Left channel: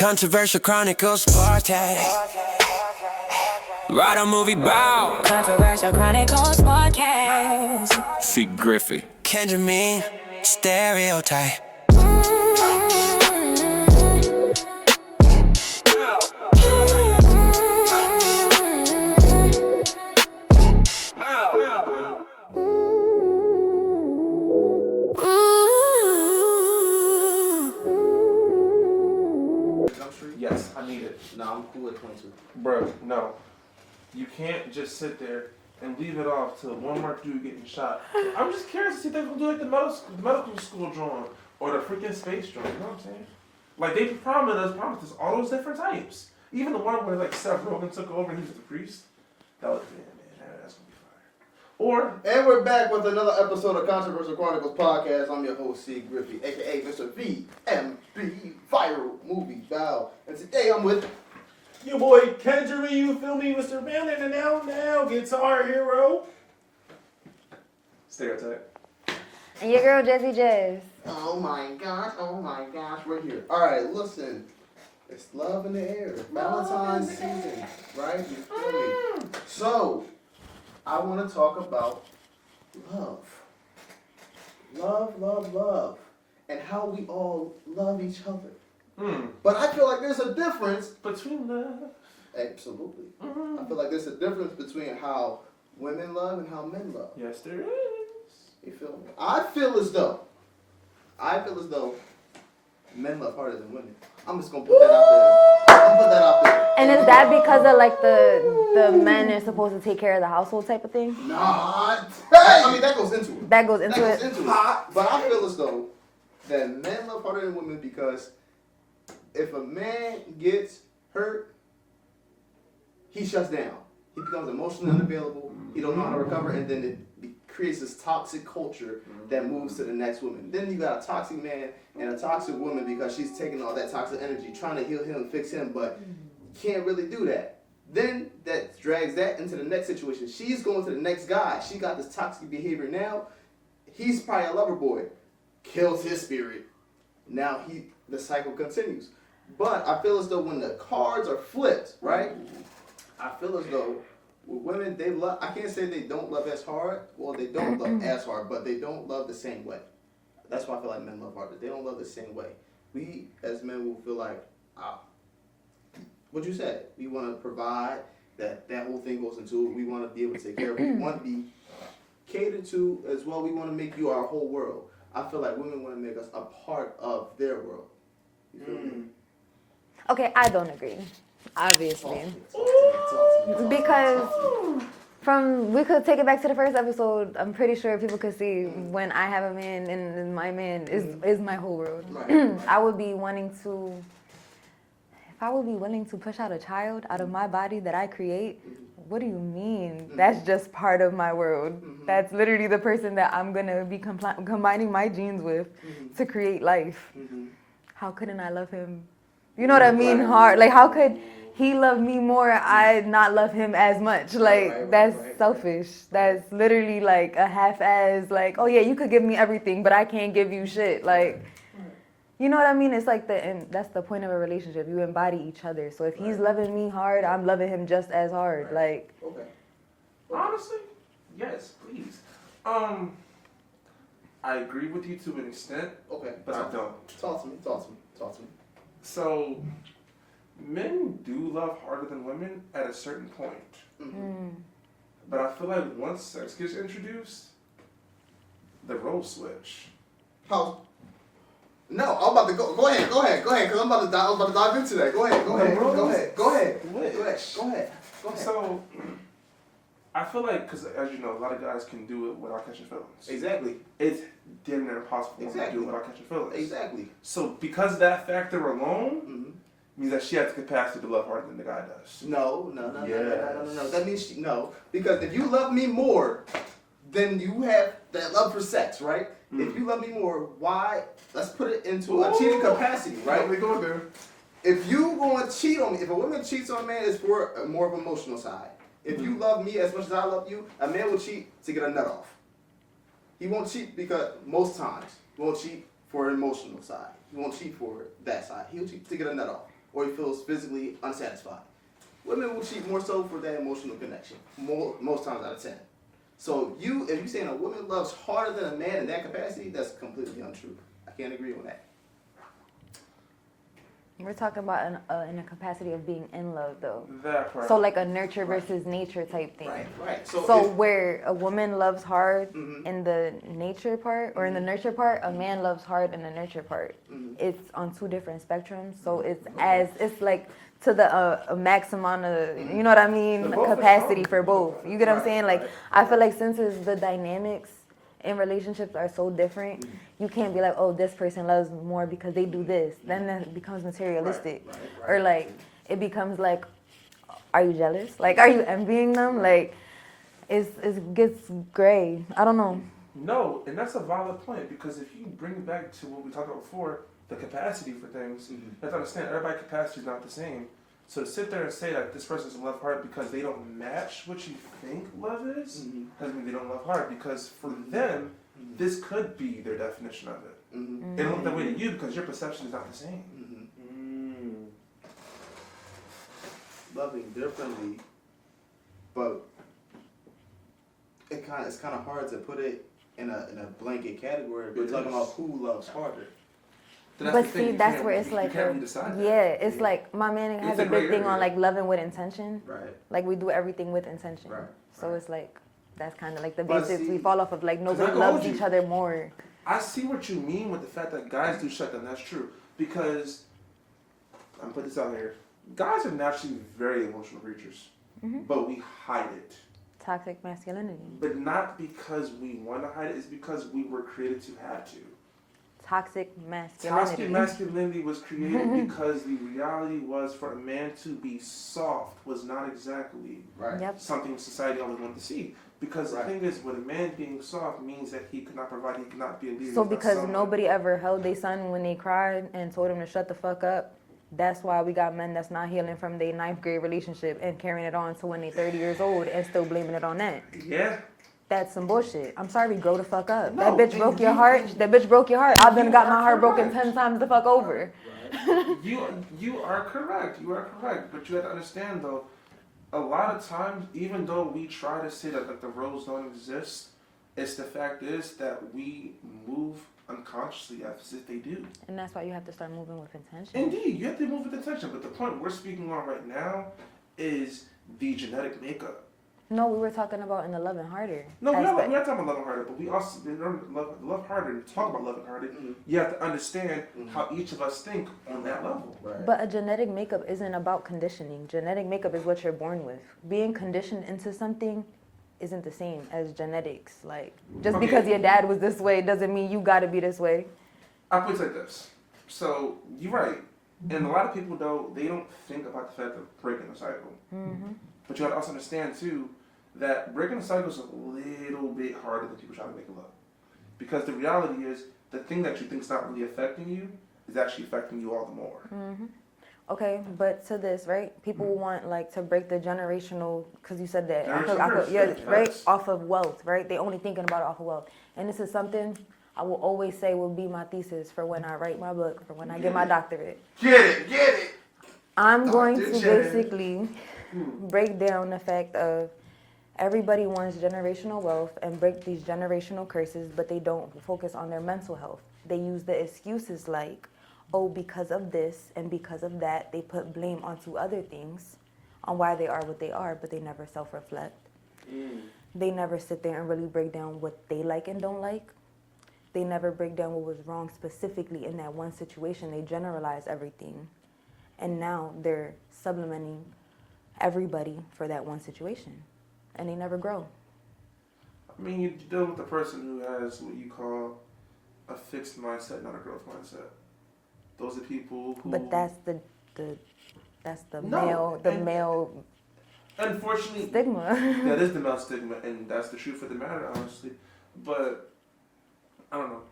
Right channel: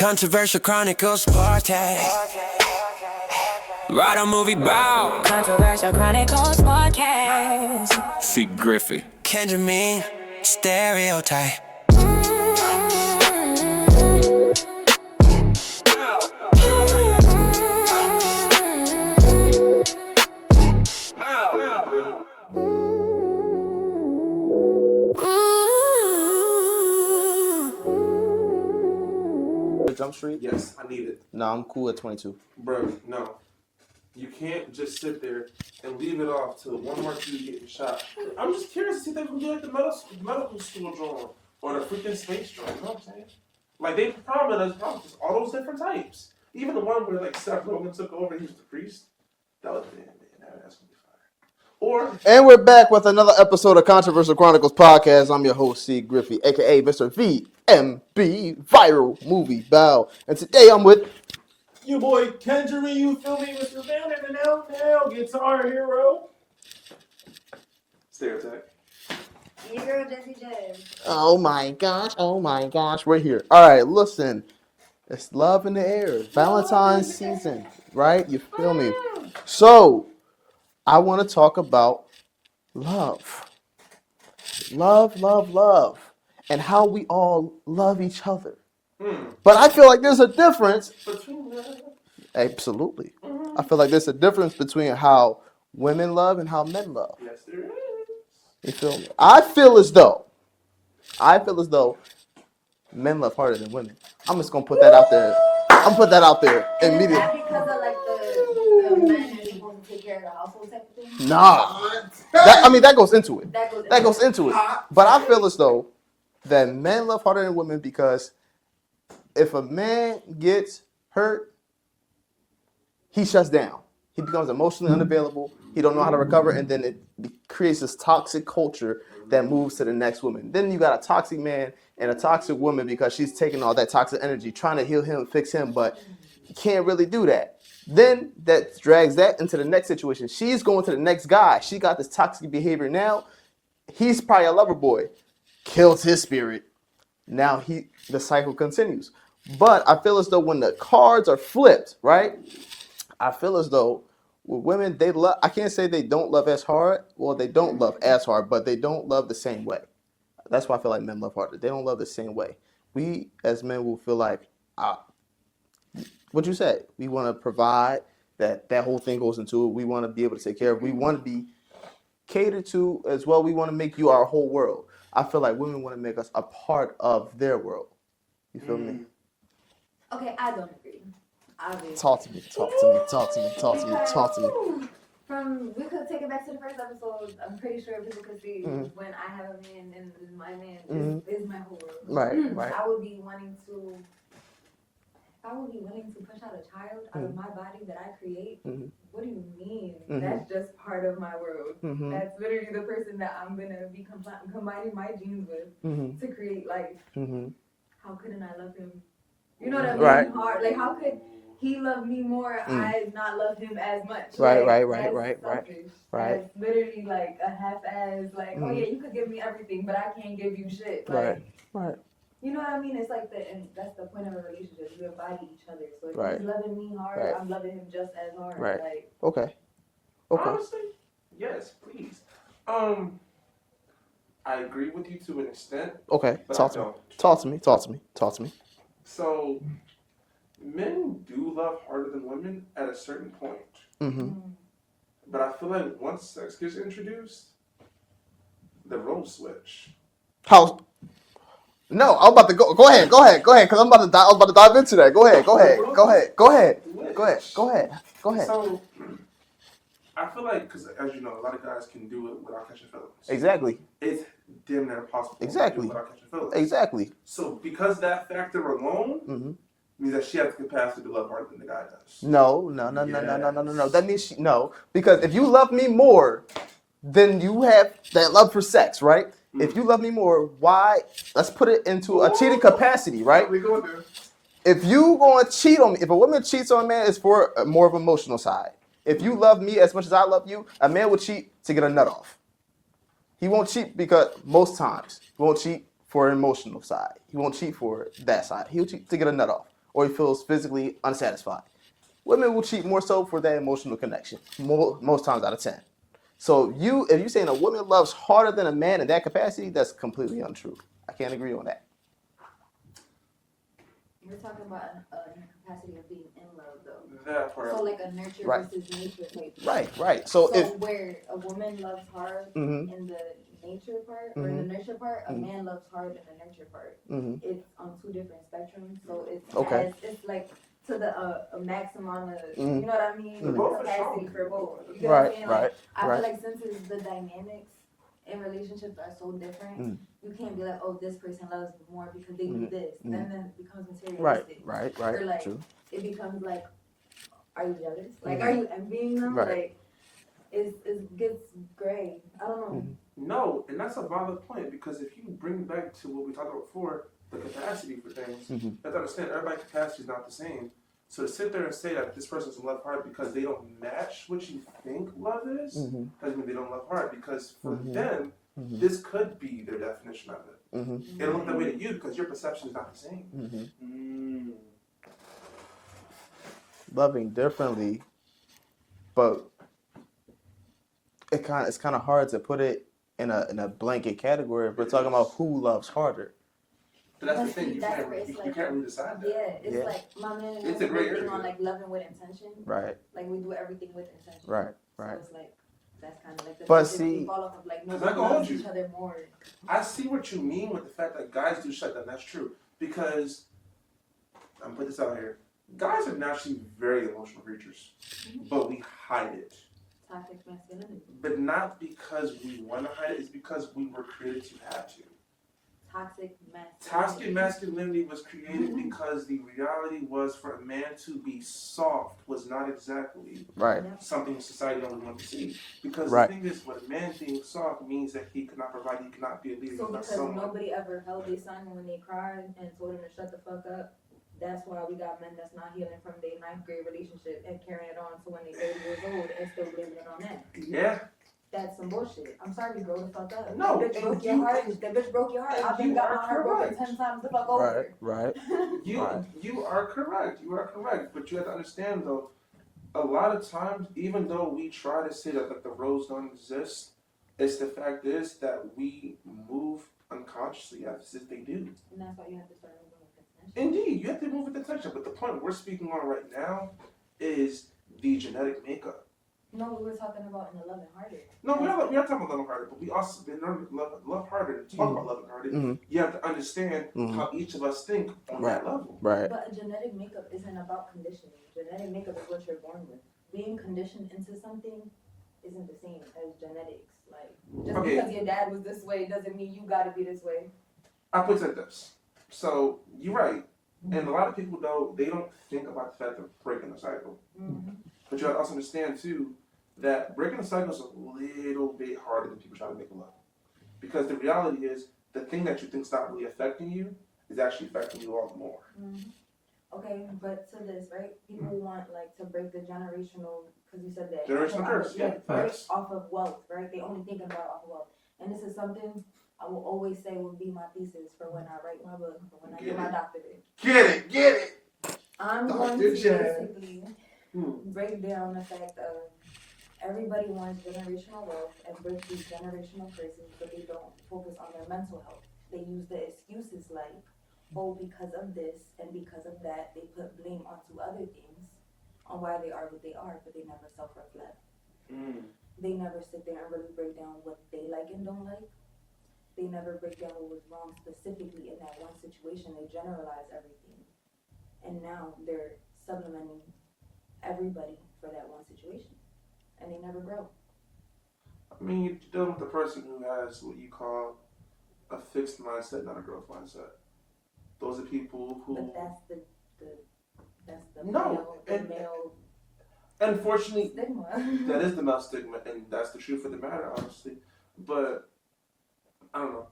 Controversial Chronicles podcast. Write a movie bow. Controversial Chronicles podcast. C Griffey. Kenjermiin. Stereotype. Jump Street? Yes, I need it. No, I'm cool at 22. Bro, no. You can't just sit there and leave it off till one more dude getting shot. I'm just curious to see if they can do like the medical school drawing or the freaking space drawing. You know what I'm saying? Like, they promised us all those different types. Even the one where, like, Seth Rogen took over and he was the priest. That was, man, that's going to be fire. And we're back with another episode of Controversial Chronicles podcast. I'm your host, C Griffey, a.k.a. Mr. VMB, Viral Movie Bow. And today I'm with... You boy, Kenjermiin, you feel me? Mr. Now, Guitar Hero. Stereotype. And your girl, Jazzy Jazz. Oh my gosh, we're here. All right, listen. It's love in the air. Valentine's season, right? You feel me? So, I want to talk about love. Love. And how we all love each other. But I feel like there's a difference. Between love. Absolutely. I feel like there's a difference between how women love and how men love. Yes, there is. You feel me? I feel as though men love harder than women. I'm just gonna put that out there. I'm put that out there. And is that because of like the men are supposed to take care of the household type of thing? Nah. That goes into it. That goes into it. But I feel as though that men love harder than women because if a man gets hurt, he shuts down. He becomes emotionally unavailable. He don't know how to recover, and then it creates this toxic culture that moves to the next woman. Then you got a toxic man and a toxic woman because she's taking all that toxic energy, trying to heal him, fix him, but he can't really do that. Then that drags that into the next situation. She's going to the next guy. She got this toxic behavior now. He's probably a lover boy. Kills his spirit. Now the cycle continues. But I feel as though when the cards are flipped, right? I feel as though with women, they love, I can't say they don't love as hard. Well, they don't love as hard, but they don't love the same way. That's why I feel like men love harder. They don't love the same way. We, as men, will feel like, what you said, we want to provide, that whole thing goes into it. We want to be able to take care of it. We want to be catered to as well. We want to make you our whole world. I feel like women want to make us a part of their world. You feel me? Okay, I don't agree. Obviously. Talk to me. We could take it back to the first episode. I'm pretty sure people could see when I have a man and my man is my whole world. Right. I would be willing to push out a child out of my body that I create. What do you mean? That's just part of my world. That's literally the person that I'm gonna be combining my genes with to create life. How couldn't I love him? You know what I mean? Right. Hard. Like, how could he love me more? I not love him as much. That's selfish. That's literally like a half-ass. Like, oh yeah, you could give me everything, but I can't give you shit. Like, you know what I mean? It's like and that's the point of a relationship. You embody each other. So if he's loving me hard, I'm loving him just as hard. Right. Like, okay. Honestly, yes, please. I agree with you to an extent. Okay. But Talk to me. So, men do love harder than women at a certain point. But I feel like once sex gets introduced, the roles switch. How? No, I'm about to go. Go ahead, because I'm about to dive into that. Go ahead. So, I feel like, because as you know, a lot of guys can do it without catching feelings. Exactly. It's damn near impossible to do it without catching feelings. Exactly. So, because that factor alone means that she has the capacity to love harder than the guy does. No. That means no. Because if you love me more, then you have that love for sex, right? If you love me more, why? Let's put it into a cheating capacity, right? What we gonna do? If you gonna cheat on me, if a woman cheats on a man, it's for a more of an emotional side. If you love me as much as I love you, a man will cheat to get a nut off. He won't cheat because he won't cheat for an emotional side. He won't cheat for that side. He'll cheat to get a nut off. or he feels physically unsatisfied. Women will cheat more so for that emotional connection, most times out of 10. So if you're saying a woman loves harder than a man in that capacity, that's completely untrue. I can't agree on that. We're talking about in a capacity of being in love, though. That part. So like a nurture versus nature type thing. Right. So if, where a woman loves hard in the nature part or in the nurture part, a man loves hard in the nurture part. It's on two different spectrums. So it's like to the maximum of, you know what I mean, capacity for both. You get what I'm saying? Like I feel like since the dynamics in relationships are so different, you can't be like, oh, this person loves more because they do this. Then it becomes materialistic. Right. Or like True. it becomes like, are you jealous? Like, are you envying them? Like, it gets gray. I don't know. No, and that's a valid point because if you bring back to what we talked about before, the capacity for things, you have to understand everybody's capacity is not the same. So to sit there and say that this person's love hard because they don't match what you think love is, doesn't mean they don't love hard because for them, this could be their definition of it. They don't look that way to you because your perception is not the same. Loving differently, but it's kind of hard to put it in a blanket category if we're talking about who loves harder. But see, that's where it's like, you can't really decide that. it's like my man has a big thing on like loving with intention. Right. Like we do everything with intention. Right. So it's like that's kind of like the But basics see- we fall off of. Like nobody loves each other more. I see what you mean with the fact that guys do shut down. That's true because I'm putting this out here. Guys are naturally very emotional creatures, but we hide it. Toxic masculinity. But not because we want to hide it. It's because we were created to have to. Toxic masculinity. Toxic masculinity was created because the reality was for a man to be soft was not exactly something society always wanted to see. Because the thing is, when a man being soft means that he could not provide, he could not be a leader. So because nobody ever held their son when they cried and told him to shut the fuck up, that's why we got men that's not healing from their 9th grade relationship and carrying it on to when they're 30 years old and still blaming it on that. Yeah. That's some bullshit. I'm sorry, grow the fuck up. No, that bitch broke your heart. That bitch broke your heart. I've been got my heart broken 10 times the fuck over. Right. You are correct. You are correct. But you have to understand though, a lot of times, even though we try to say that the roles don't exist, it's the fact is that we move unconsciously as if they do. And that's why you have to start moving with intention. Indeed, you have to move with intention. But the point we're speaking on right now is the genetic makeup. No, we were talking about in the loving harder. No, we're not talking about loving harder, but we also love harder. To talk about loving harder, you have to understand how each of us think on that level. Right. But a genetic makeup isn't about conditioning. Genetic makeup is what you're born with. Being conditioned into something isn't the same as genetics. Like, just because your dad was this way doesn't mean you gotta be this way. I put it like this. So, you're right. And a lot of people, though, they don't think about the fact of breaking the cycle. But you have to also understand, too, that breaking the cycle is a little bit harder than people try to make it look. Because the reality is, the thing that you think is not really affecting you is actually affecting you all the more. Okay, but to this, right? People want like to break the generational, because you said that, right? Off of wealth, right? They only thinking about it off of wealth. And this is something I will always say will be my thesis for when I write my book, for when I get my doctorate. Get it! I'm going to basically break down the fact of everybody wants generational wealth and break these generational curses, but they don't focus on their mental health. They use the excuses like, oh, because of this and because of that, they put blame onto other things on why they are what they are, but they never self-reflect. They never sit there and really break down what they like and don't like. They never break down what was wrong specifically in that one situation. They generalize everything. And now they're sublimating everybody for that one situation. And they never grow. I mean, you're dealing with a person who has what you call a fixed mindset, not a growth mindset. Those are people who. But that's the male. Unfortunately, stigma. That is the male stigma, and that's the truth of the matter, honestly. But I don't know.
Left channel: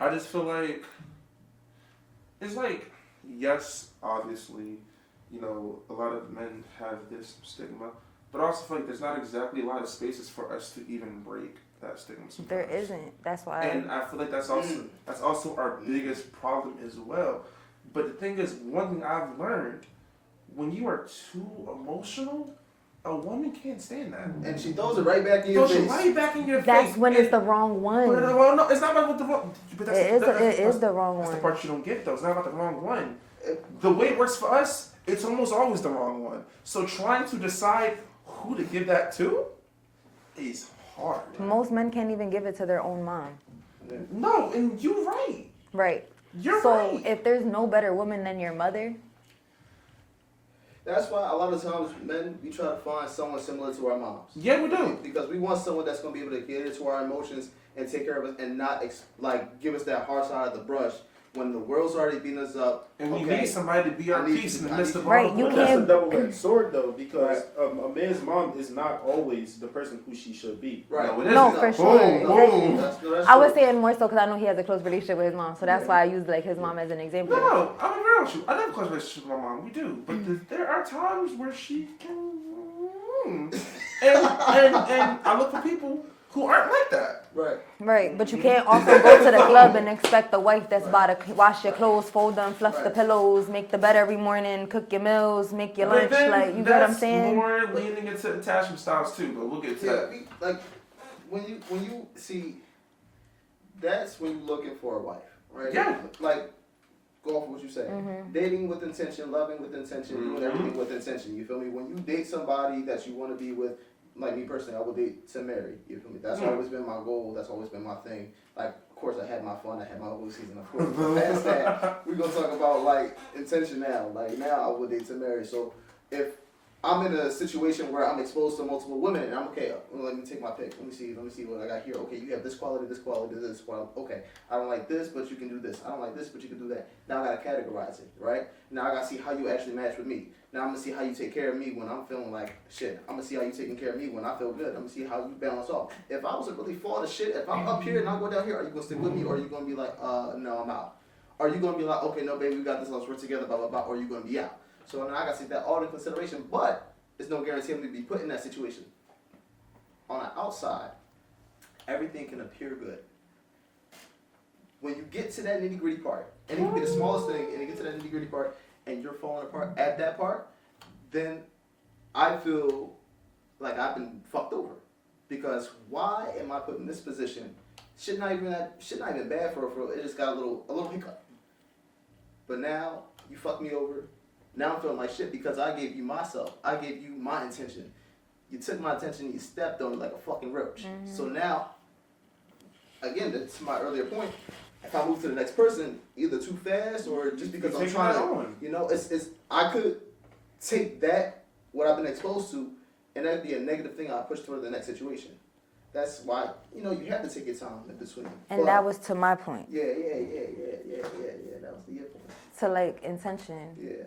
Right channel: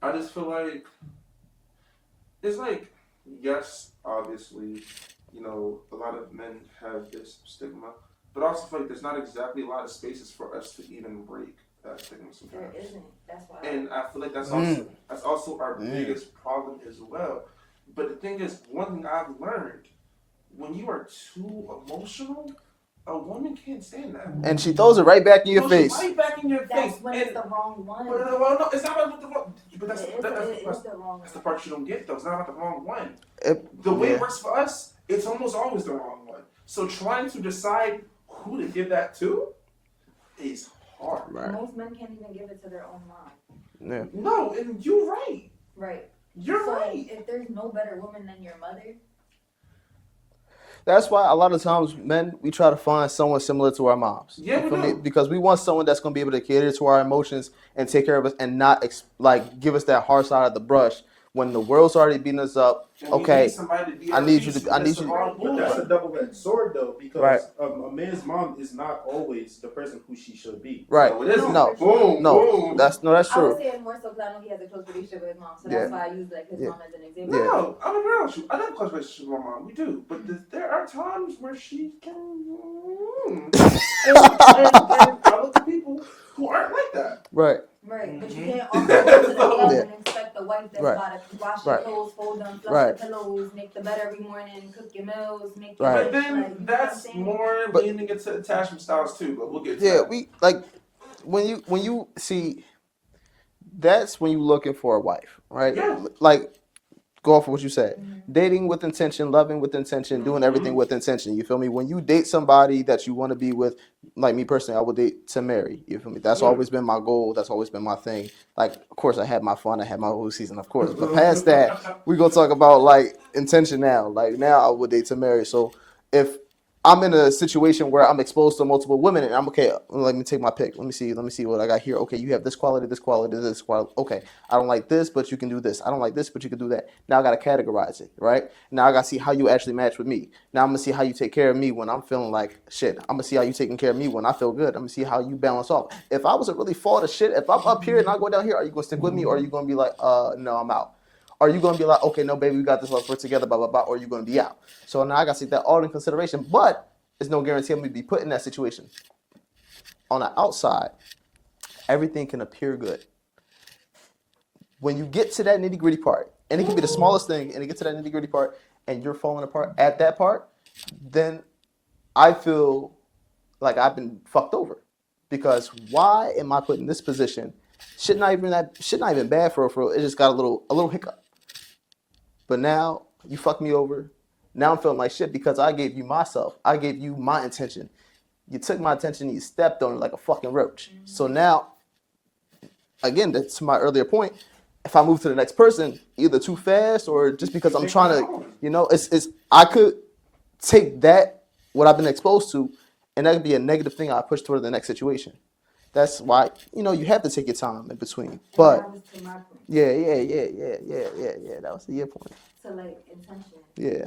I just feel like it's like, yes, obviously, you know, a lot of men have this stigma, but I also feel like there's not exactly a lot of spaces for us to even break that stigma. Sometimes. There isn't. That's why. And I feel like that's also our biggest problem as well, But the thing is, one thing I've learned, when you are too emotional, a woman can't stand that. And she throws it right back in your face. Right back in your face. That's when it's the wrong one. But no, it's not about the wrong. But It is the wrong one. That's the part you don't get though. It's not about the wrong one. The way it works for us, it's almost always the wrong one. So trying to decide who to give that to is hard. Right? Most men can't even give it to their own mom. Yeah. No, and you're right. Right. You're right. So if there's no better woman than your mother. That's why a lot of times, men, we try to find someone similar to our moms. Yeah, we do. Because we want someone that's going to be able to cater to our emotions and take care of us and not, give us that hard side of the brush when the world's already beating us up. And okay, I need you. Right, you That's can't. a double-edged sword, though, because Right. A man's mom is not always the person who she should be. Right. No, No, for sure. No, that's true. I was saying more so because I know he has a close relationship with his mom, so that's Yeah. why I used like his mom as an example. No, I'm gonna be honest with you. I have a close relationship with my mom. We do, but there are times where she can. And I look at people who aren't like that. Right. Right, but you can't also go to the club and expect the wife that's Right. about to wash your Right. clothes, fold them, fluff Right. the pillows, make the bed every morning, cook your meals, make your Right. lunch. Like, you get what I'm saying? More leaning into attachment styles too, but we'll get to Yeah, that. we when you see, that's when you're looking for a wife, right? Yeah. Like, go off of what you said. Dating with intention, loving with intention, doing everything with intention. You feel me? When you date somebody that you want to be with, like me personally, I would date to marry. You feel me? That's always been my goal. That's always been my thing. Like, of course, I had my fun. I had my whole season, of course. But past that, we gonna talk about like intention now. Like now, I would date to marry. So if I'm in a situation where I'm exposed to multiple women and I'm okay, let me take my pick. Let me see what I got here. Okay, you have this quality, this quality, this quality. Okay, I don't like this, but you can do this. I don't like this, but you can do that. Now I got to categorize it, right? Now I got to see how you actually match with me. Now I'm going to see how you take care of me when I'm feeling like shit. I'm going to see how you taking care of me when I feel good. I'm going to see how you balance off. If I was a really fall to shit, if I'm up here and I go down here, are you going to stick with me or are you going to be like, no, I'm out? Are you going to be like, okay, no, baby, we got this, let's work together, blah, blah, blah, or are you going to be out? So now I got to take that all in consideration, but there's no guarantee I'm going to be put in that situation. On the outside, everything can appear good. When you get to that nitty-gritty part, and it can be the smallest thing, and you get to that nitty-gritty part, and you're falling apart at that part, then I feel like I've been fucked over. Because why am I put in this position? Shit not even bad for real. It just got a little hiccup. But now you fucked me over. Now I'm feeling like shit because I gave you myself. I gave you my intention. You took my attention and you stepped on it like a fucking roach. So now, again, that's my earlier point. If I move to the next person, either too fast or just because I'm trying to, it's I could take that, what I've been exposed to, and that could be a negative thing I push toward the next situation. That's why, you have to take your time in between. And that was to my point. Yeah. That was your point. To like intention. Yeah.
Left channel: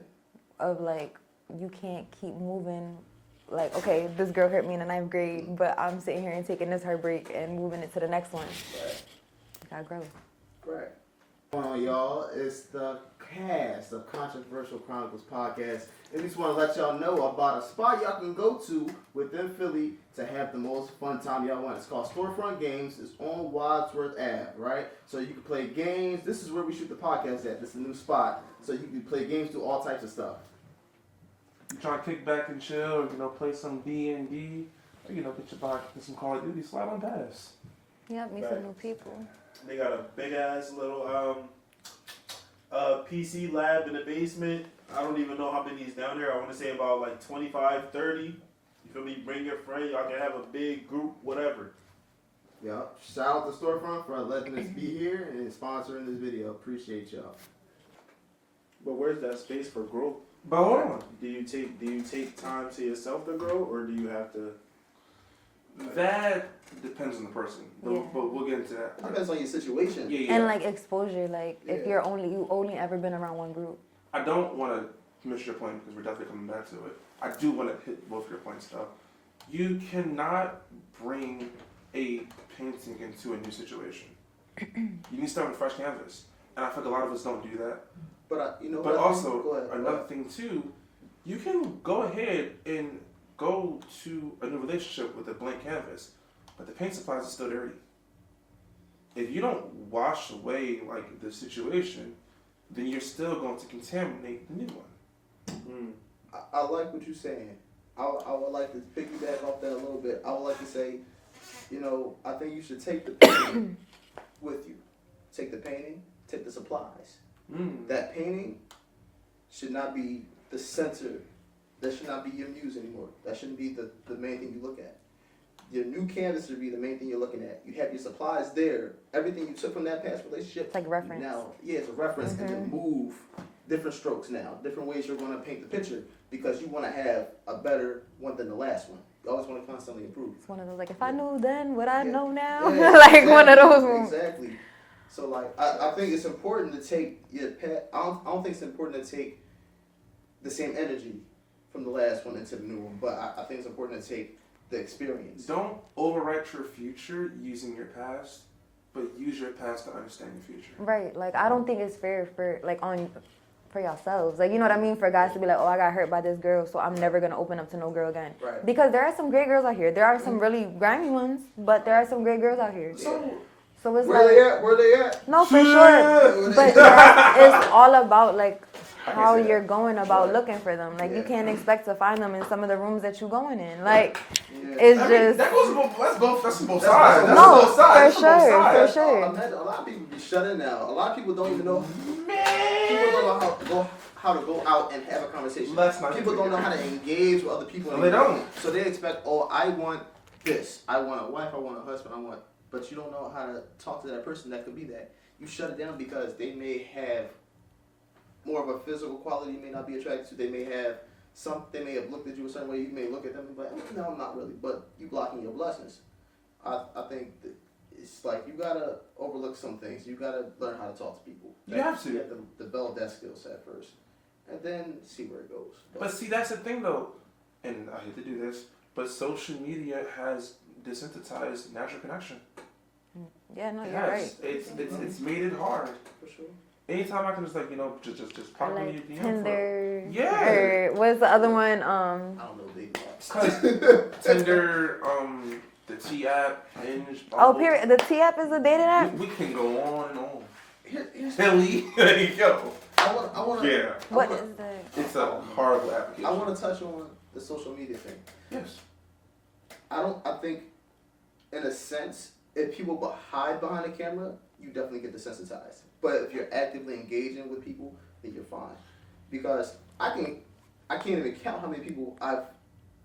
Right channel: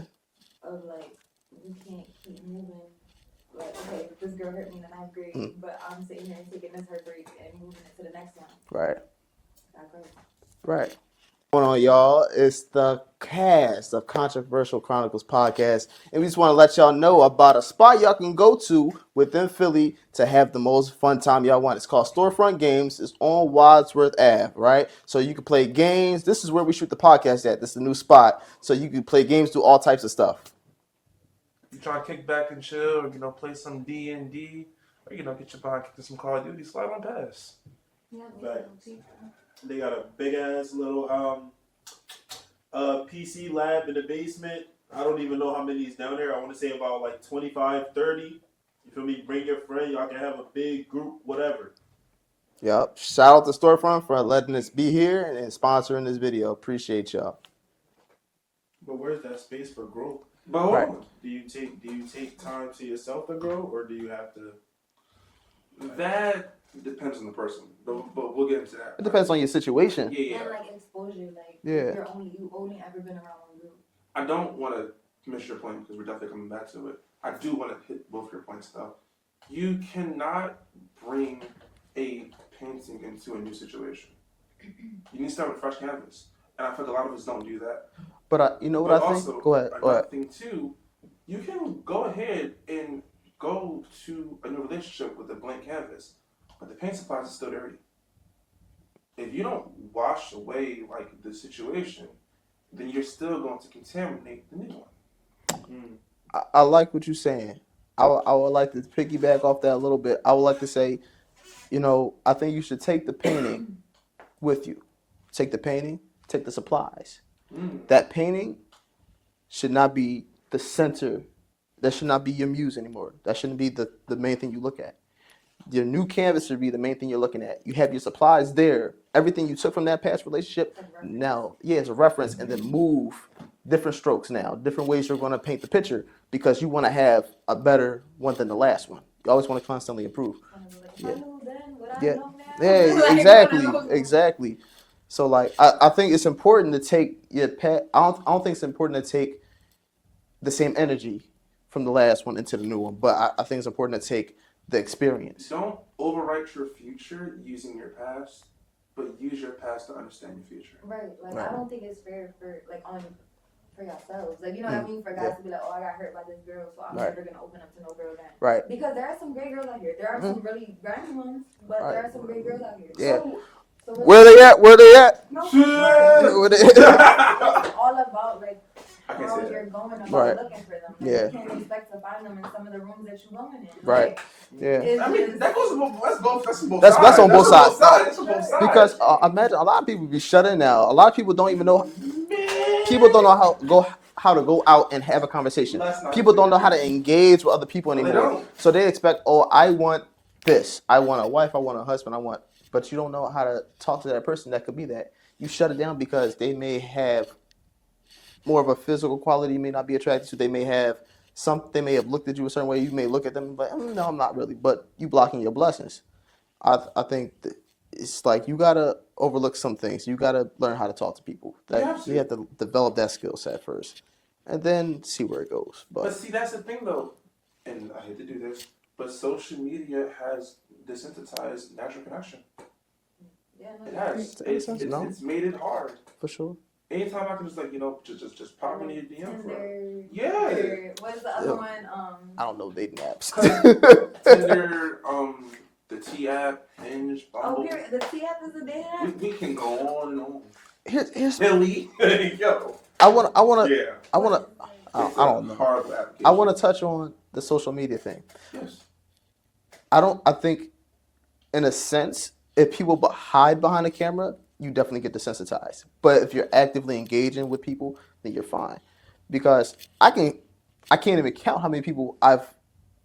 Of like, you can't keep moving. Like, okay, this girl hurt me in the 9th grade, but I'm sitting here and taking this heartbreak and moving it to the next one. Right. You gotta grow. Right. What's going on, y'all? It's the cast of Controversial Chronicles podcast. And we just want to let y'all know about a spot y'all can go to within Philly to have the most fun time y'all want. It's called Storefront Games. It's on Wadsworth Ave, right? So you can play games. This is where we shoot the podcast at. This is the new spot. So you can play games, do all types of stuff. You trying to kick back and chill, or play some D&D, or get your bike, get some Call of Duty, slide on past. Yeah, meet some new people. They got a big ass little PC lab in the basement. I don't even know how many is down there. I want to say about like 25, 30. You feel me? Bring your friend. Y'all can have a big group, whatever. Yep. Shout out to Storefront for letting us be here and sponsoring this video. Appreciate y'all. But where's that space for growth? But hold on. Do you take time to yourself to grow, or do you have to? That depends on the person. But we'll get into that. It depends on your situation. Yeah. And like exposure, like if you've only ever been around one group. I don't want to miss your point because we're definitely coming back to it. I do want to hit both your points though. You cannot bring a painting into a new situation. You need to start with fresh canvas. And I feel like a lot of us don't do that. But you know what But I also, think? Go ahead. another thing too, you can go ahead and go to a new relationship with a blank canvas, but the paint supplies are still dirty. If you don't wash away like the situation, then you're still going to contaminate the new one. I like what you're saying. I would like to piggyback off that a little bit. I would like to say, I think you should take the painting with you. Take the painting, take the supplies. That painting should not be the center. That should not be your muse anymore. That shouldn't be the main thing you look at. Your new canvas should be the main thing you're looking at. You have your supplies there. Everything you took from that past relationship. It's like a reference. Now, it's a reference, and then move different strokes now, different ways you're going to paint the picture because you want to have a better one than the last one. You always want to constantly improve. It's one of those, like, if I knew then, would I know now? Yeah, like exactly, one of those. Exactly. So, like, I think it's important to take your I don't think it's important to take the same energy from the last one into the new one, but I think it's important to take the experience. Don't overwrite your future using your past, but use your past to understand your future. Right. Like, I don't think it's fair for yourselves. Like, you know what I mean? For guys to be like, oh, I got hurt by this girl, so I'm never going to open up to no girl again. Right. Because there are some great girls out here. There are some really grimy ones, but there are some great girls out here. Yeah. So it's Where they at? No, for sure. But it's all about, like, how you're going about looking for them. Like, you can't expect to find them in some of the rooms that you're going in. Like, it's just... That goes both, that's both sides. That's on both sides. For sure. Because imagine, a lot of people be shut in now. A lot of people don't even know... People don't know how to go out and have a conversation. People don't know how to engage with other people anymore. So they expect, I want this. I want a wife. I want a husband. But you don't know how to talk to that person that could be that. You shut it down because they may have more of a physical quality you may not be attracted to. They may have looked at you a certain way. You may look at them and be like, no, I'm not really. But you blocking your blessings. I think it's like you gotta overlook some things. You gotta learn how to talk to people. You have to develop that skill set first, and then see where it goes. But see, that's the thing though, and I hate to do this, but social media has desensitized natural connection. Yeah, no, It you're has. right. It's made it hard. For sure. Anytime I can just like just pop in your DM. Tinder. Yeah. Or what's the other one? I don't know dating apps. Tinder, the T app, Hinge. Oh, period. The T app is a dating app. We can go on and on. Here's Philly, there you go. I wanna. Yeah. I wanna. What is that? It's I don't know. horrible application. I want to touch on the social media thing. Yes. I think, in a sense, if people hide behind the camera, you definitely get desensitized. But if you're actively engaging with people, then you're fine. Because I can't even count how many people I've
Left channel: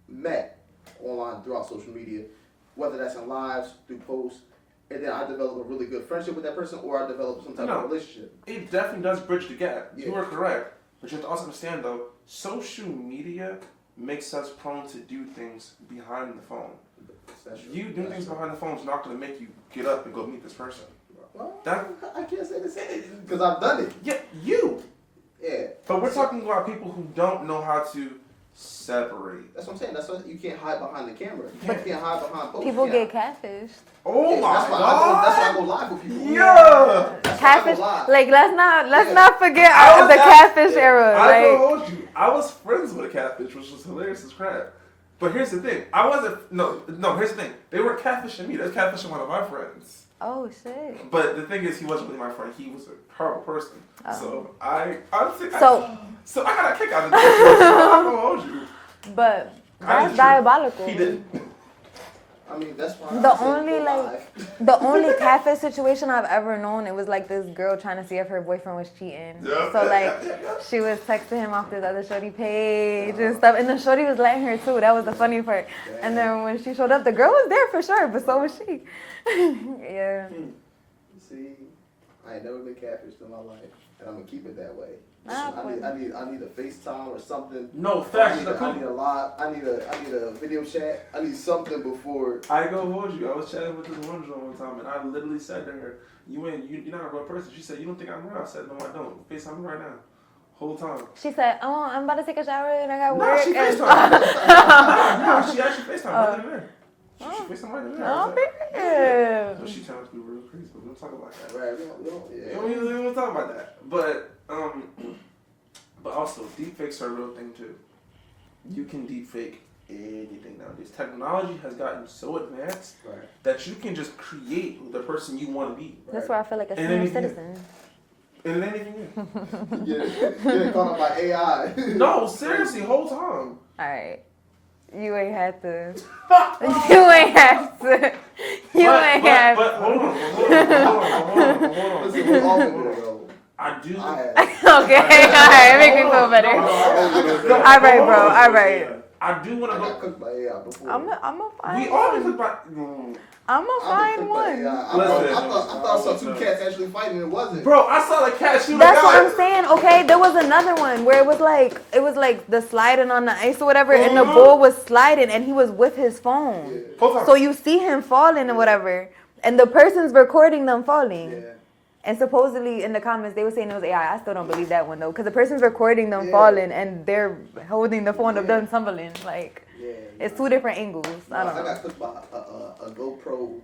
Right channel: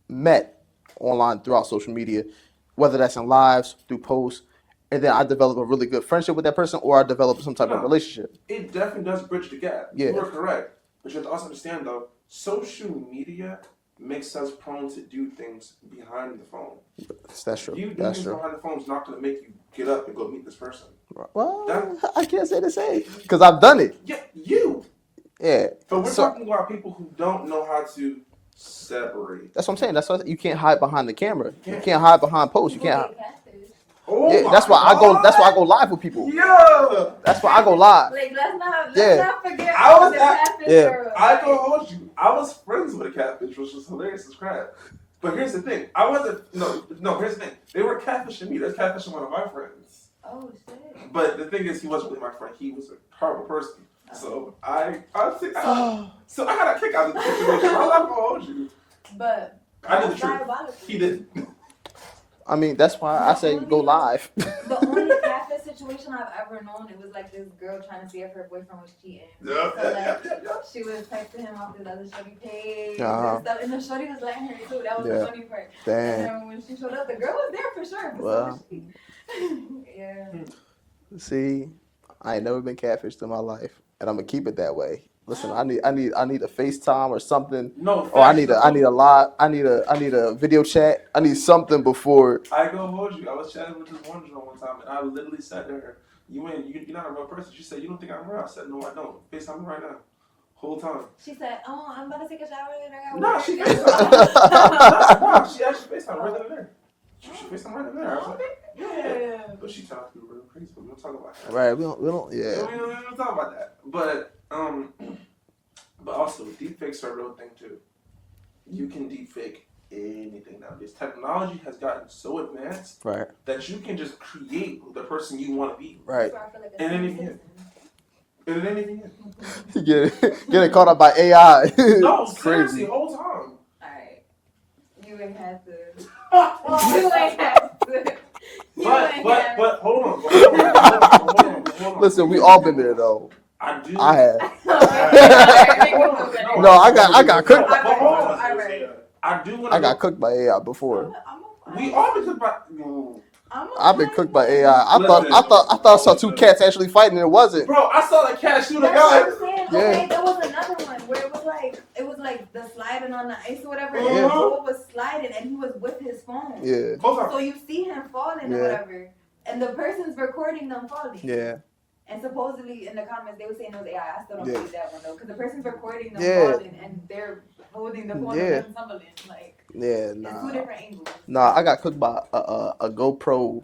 met online throughout social media, whether that's in lives, through posts, and then I develop a really good friendship with that person, or I develop some type of relationship. It definitely does bridge the gap. Yeah. You are correct. But you have to also understand though, social media makes us prone to do things behind the phone. That's true. You doing That's things true. behind the phone is not going to make you get up and go meet this person. Well, That- I can't say the same because I've done it. Yeah, you. Yeah. But we're talking about people who don't know how to separate. That's what I'm saying. That's why you can't hide behind the camera. You can't hide behind posts. People You can't. get catfished. Oh Yeah, my that's why I go. God. That's why I go live with people. Yeah. That's why I go live. Like, let's Yeah. not forget I was the not- catfish Yeah. era. I Like, told you, I was friends with a catfish, which was hilarious as crap. But here's the thing, I wasn't. No. Here's the thing, they weren't catfishing me. They were catfishing one of my friends. oh shit. But the thing is, he wasn't really my friend. He was a horrible person. Oh. So I think So- I got a kick out of this. I'm not gonna hold you. But I that's did diabolical. He didn't. I mean, that's why The I say only, go like- live. The only catfish situation I've ever known, it was like this girl trying to see if her boyfriend was cheating. Yeah, So like, yeah. she was texting him off this other shorty page Uh-huh. and stuff, and the shorty was letting her too. That was the Yeah. funny part. Damn. And then when she showed up, the girl was there for sure, but so was Wow. she. Yeah. See, I ain't never been catfished in my life, and I'm gonna keep it that way. Listen, I need a FaceTime or something. No, Or I need a live. I need a video chat. I need something before. I go hold you. I was chatting with this one girl one time, and I literally said to her, "You're not a real person." She said, "You don't think I'm real?" I said, "No, I don't. FaceTime me right now." Whole time. She said, "Oh, I'm about to take a shower and I got No, work." she FaceTime. No, she actually FaceTime right in there. She FaceTime right in there. Oh, man. But she turned out to be real crazy. But we don't talk about that. Right. We don't. Yeah. We don't talk about that. But also, deepfakes are a real thing too. You can deepfake anything nowadays. Technology has gotten so advanced Right. that you can just create the person you want to be. Right. That's where I feel like a And then senior you can- citizen. And it ain't even you. Getting caught up by AI. No, seriously, whole time. Alright. You ain't had to. You ain't had to. You ain't had But to. hold on. Listen, we all been there though. I do. I have. Okay, alright, make me feel better. No, I got cooked. Alright, bro, alright. I do want to. I got cooked by AI before. I'm a fine. We all been cooked by. I've been cooked by AI. I thought I saw two cats actually fighting and it wasn't. Bro, I saw the cat shooting. That's what I'm saying. Okay, there was another one where it was like the sliding on the ice or whatever, and the bull was sliding, and he was with his phone. Yeah. So you see him falling and whatever, and the person's recording them falling. Yeah. And supposedly in the comments they were saying it was AI. I still don't believe that one though, because the person's recording them falling and they're holding the phone of them tumbling. Like, it's two different angles. Nah, I got cooked by a GoPro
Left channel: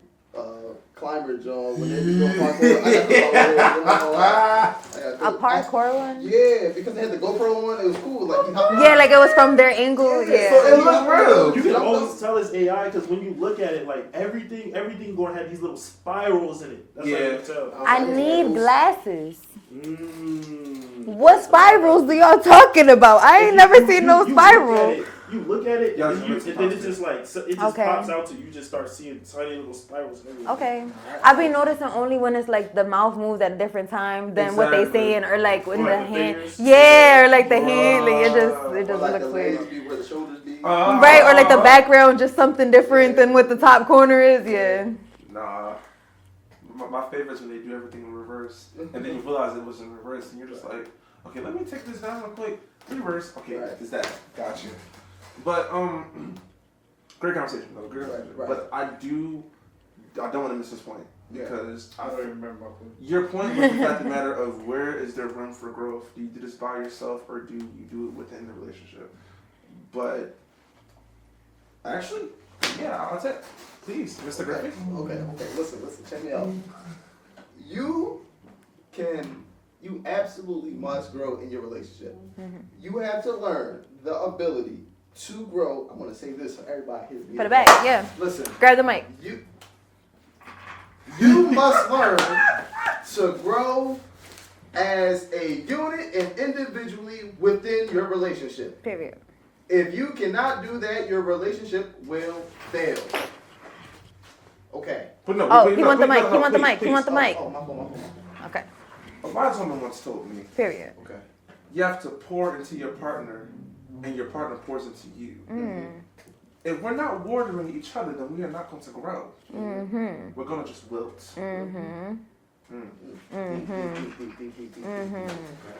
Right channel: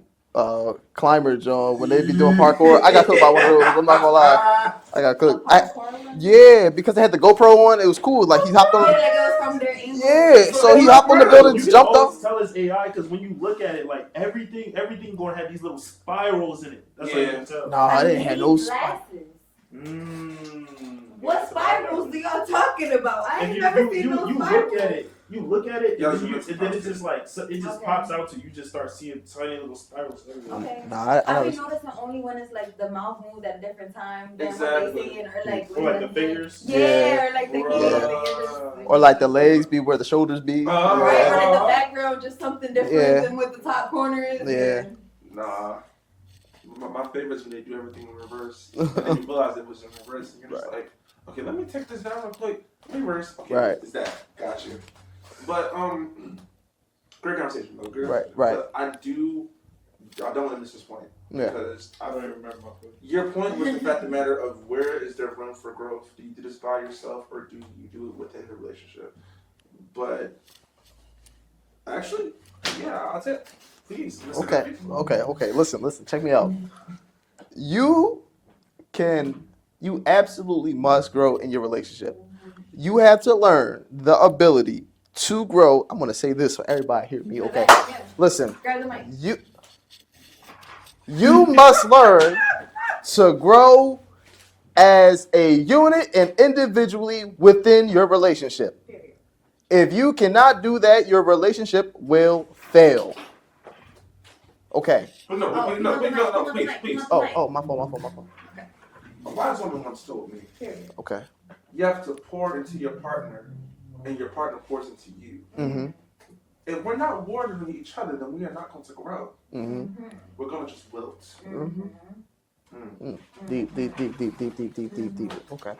climber, John. When they be doing parkour, I got cooked by one of those. I'm not gonna lie. I got cooked. A parkour one? Yeah, because they had the GoPro on. It was cool. Like he hopped on. Yeah, like it was from their angle. Yeah, so he hopped on the building, You jumped can up. always tell it's AI because when you look at it, like everything going to have these little spirals in it. That's how you can tell. Nah, I didn't have need no glasses. What spirals do y'all talking about? I ain't never seen no spiral. You look at it, Yeah, and then it's just like, it just Okay. pops out to you. You just start seeing tiny little spirals everywhere. Okay. Nah, I've been noticing only when it's like the mouth moves at a different time than what they saying, or like when Or the like the hand. fingers. Yeah, or like the hand, like it just Or like looks the weird. legs be where the shoulders be. Right, or like the background just something different Yeah. than what the top corner is. Yeah. Nah. My favorite is when they do everything in reverse. And then you realize it was in reverse, and you're just like, okay, let me take this down real quick. Reverse. Okay, Right. Is that? Gotcha. But, great conversation, though. Great Right, conversation. right. But I don't want to miss this point. Yeah. Because I don't even remember my food. your point was the fact of the matter of where is there room for growth? Do you do this by yourself or do you do it within the relationship? But actually, yeah, that's it. Please, Mr. Okay, Griffey. okay. Listen. Check me out. You absolutely must grow in your relationship. You have to learn the ability to grow. I'm gonna say this so everybody hear me. For the okay? back, yeah. Listen, Grab the mic. you must learn to grow as a unit and individually within your relationship. Period. If you cannot do that, your relationship will fail. Okay. But no, Oh, wait, he no, want the wait, mic. no, He want the please, mic. He please. want the mic. Oh, my fault. Okay. A lot of someone once told me, Period. Okay. you have to pour into your partner, and your partner pours into you. Mm-hmm. If we're not watering each other, then we are not going to grow. Mm-hmm. We're going to just wilt. Deep. Okay.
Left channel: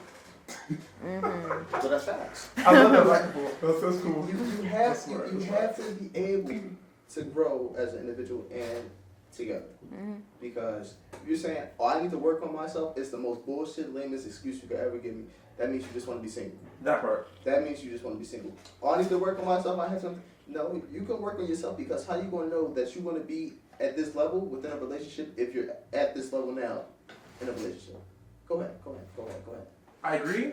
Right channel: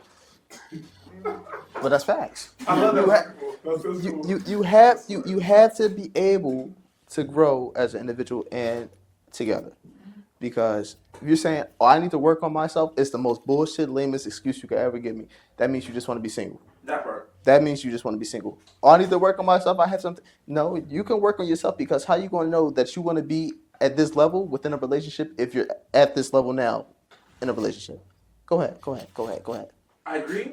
But that's facts. I love that. You have to be able to grow as an individual and together. Because if you're saying, oh, I need to work on myself, it's the most bullshit, lamest excuse you could ever give me. That means you just want to be single. That part. That means you just want to be single. Oh, I need to work on myself. I have something. No, you can work on yourself because how you going to know that you want to be at this level within a relationship if you're at this level now in a relationship? Go ahead. I agree.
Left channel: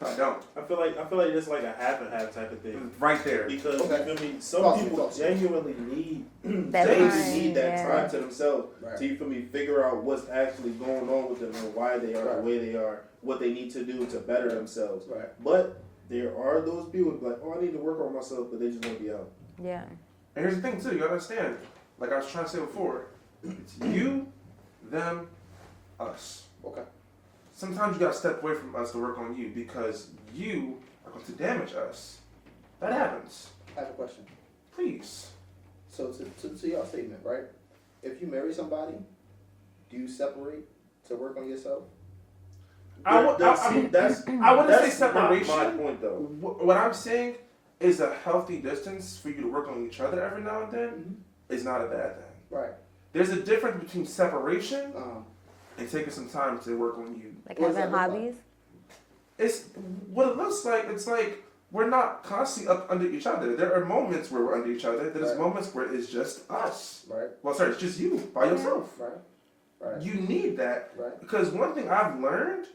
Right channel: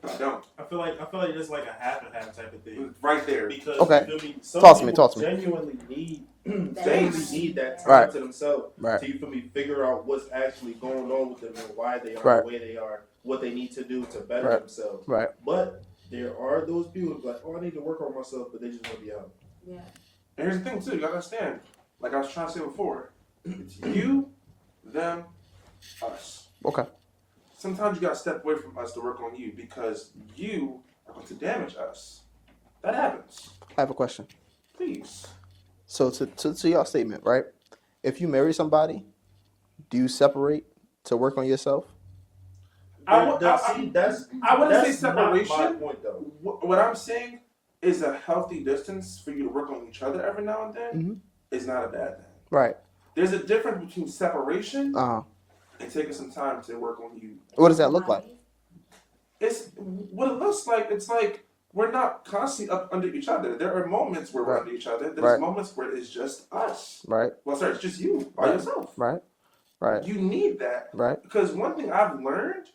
I don't. I feel like it's like a half and half type of thing. Right there. Because Okay. you feel me, some Talk to me, people talk to me. genuinely need That that time Right. to themselves. Right. So you feel me, figure out what's actually going on with them and why they are Right. the way they are, what they need to do to better Right. themselves. Right. But there are those people who be like, oh, I need to work on myself, but they just want to be out. Yeah. And here's the thing, too. You gotta understand. Like I was trying to say before, it's you, them, us. Okay. Sometimes you gotta step away from us to work on you because you are going to damage us. That happens. I have a question. Please. So to your statement, right? If you marry somebody, do you separate to work on yourself? I wouldn't say that's separation. not my point, though. What I'm saying is a healthy distance for you to work on each other every now and then Mhm. is not a bad thing. Right. There's a difference between separation Uh-huh. and taking some time to work on you. Like What does that having look like? hobbies? It's what it looks like. It's like we're not constantly up under each other. There are moments where we're Right. under each other. There's Right. moments where it's just us. Right. Well, sorry, it's just you by yourself. Right. Right. You need that. Right. Because one thing I've learned,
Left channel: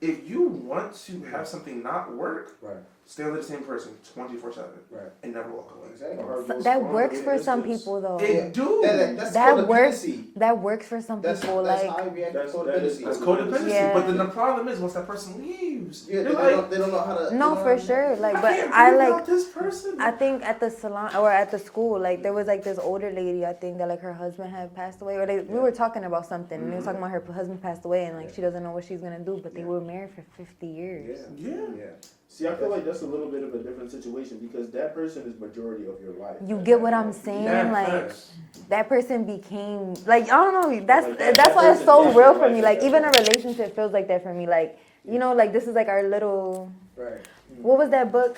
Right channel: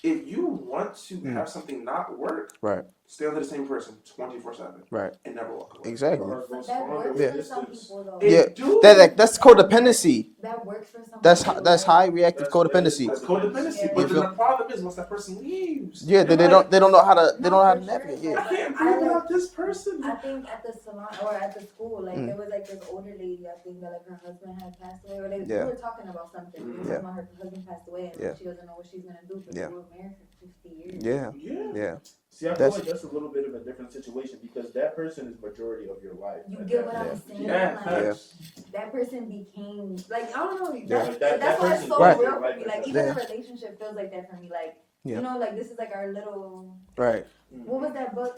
if you want to have something not work, Right. stay under the same person 24/7. Right. And never walk away. Exactly. That works for some people though. Yeah. Dude, That's That codependency. That works for some That's people. that's like, high reactive codependency. That's codependency. Yeah. But then the problem is once that person leaves. Yeah, they're they don't know how to. No, they don't know how for to sure. navigate. Like, I but can't I breathe like. without this person. I think at the salon or at the school, like there was like this older lady. I think that like her husband had passed away, or we Yeah. were talking about something, and they were talking Yeah. about her husband passed away, and like Yeah. she doesn't know what she's gonna do. But they Yeah. were married for 50 years. Yeah. Yeah. See, I feel That's- like that's a little bit of a different situation because that person is majority of your life. You get what I'm saying? Yeah, Like facts. that person became like I don't know. That's like that that's why it's so person- real Right. for me. Like even Yeah. a relationship feels like that for me. Like you Yeah. know, like this is like our little. Right. What was that book?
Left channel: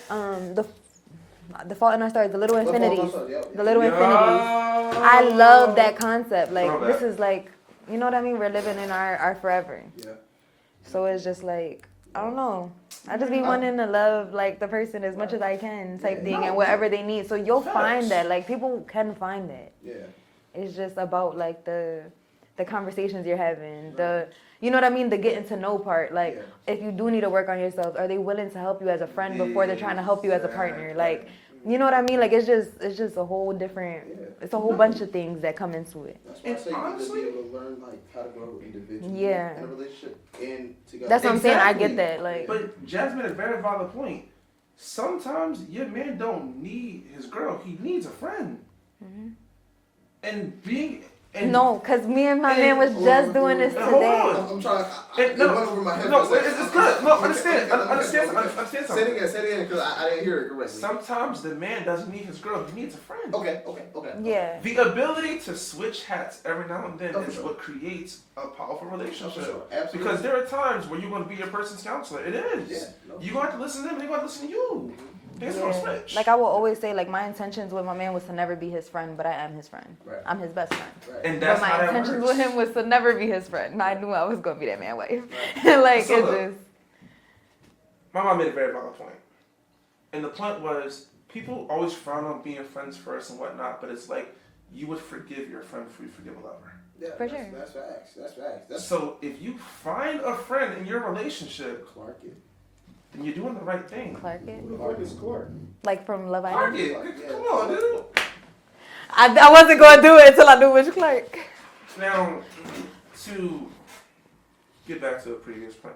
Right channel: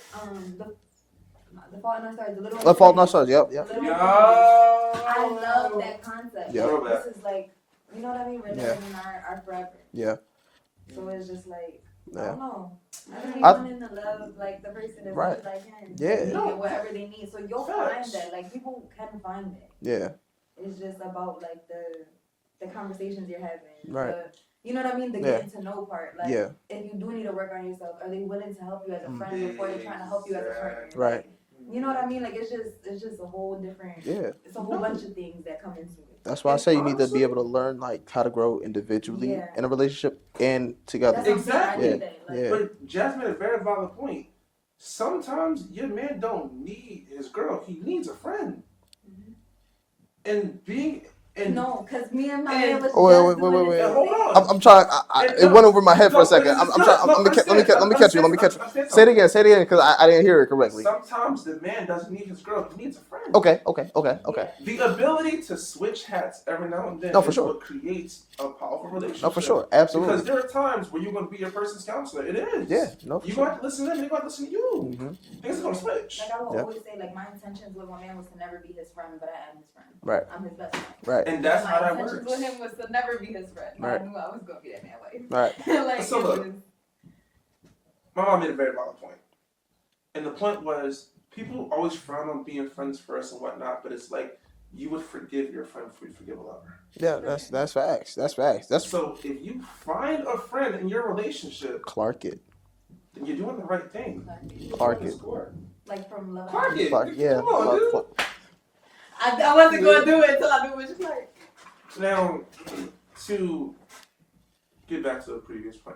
The Fault in Our Stars. The Little The Infinity. Fault in Our Stars. Yep. The Yep. Little Yo. Infinity. I love that concept. Yeah. Like this is like you know what I mean. We're living in our forever. Yeah. So it's just like I don't Yeah. know. I just be I- wanting to love like the person as much Right. as I can, Yeah. type thing, and whatever they need. So you'll find Facts. that. Like people can find it. Yeah. It's just about like the conversations you're having. Right. The you know what I mean? The Yeah. getting to know part. Like Yeah. if you do need to work on yourself, are they willing to help you as a friend before they're trying to help you as a partner? Like Right. you know what I mean? Like it's just a whole different. Yeah. It's a whole bunch of things that come into it. That's why I say you need to be able to learn like how to grow individually Yeah. in a relationship and together. That's what I'm saying. I Exactly. get that. Like Yeah. But Jazmin a very valid point. Sometimes your man don't need his girl; he needs a friend. And being and no, cause me and my man was Oh, wait, just wait, doing wait, this wait. Hold today. on. I'm trying. It went over my head for a second. No, I'm trying. Let me catch you. Let me catch you. Say it again, because I didn't hear it correctly. Sometimes the man doesn't need his girl; he needs a friend. Okay. Yeah. The ability to switch hats every now and then No, for is sure. what creates a powerful relationship. No, for sure. Absolutely. Because there are times where you're going to be your person's counselor. It is. Yeah, no, for You sure. going to listen to him, he going to listen to you. Things going to Yeah. switch. Like I will always say, like my intentions with my man was to never be his friend, but I am his friend. Right. I'm his best friend. Right. And But that's my how that intentions works. with him was to never be his friend. And I Right. knew I was gonna be that man's wife. Right. Like So it's look. just My mom made a very valid point. And the point was, people always frown on being friends first and whatnot, but it's like, you would forgive your friend before you forgive a lover. Yeah, For that's sure. that's facts. That's facts. That's So if you find a friend in your relationship, Clark it. then you're doing the right thing. Clark it. Clark it. Like from Love Clark Island. it. Clark. Yeah. Come on, dude. Clark. I wasn't gonna do it until I knew which Clark. Now, to get back to the previous point,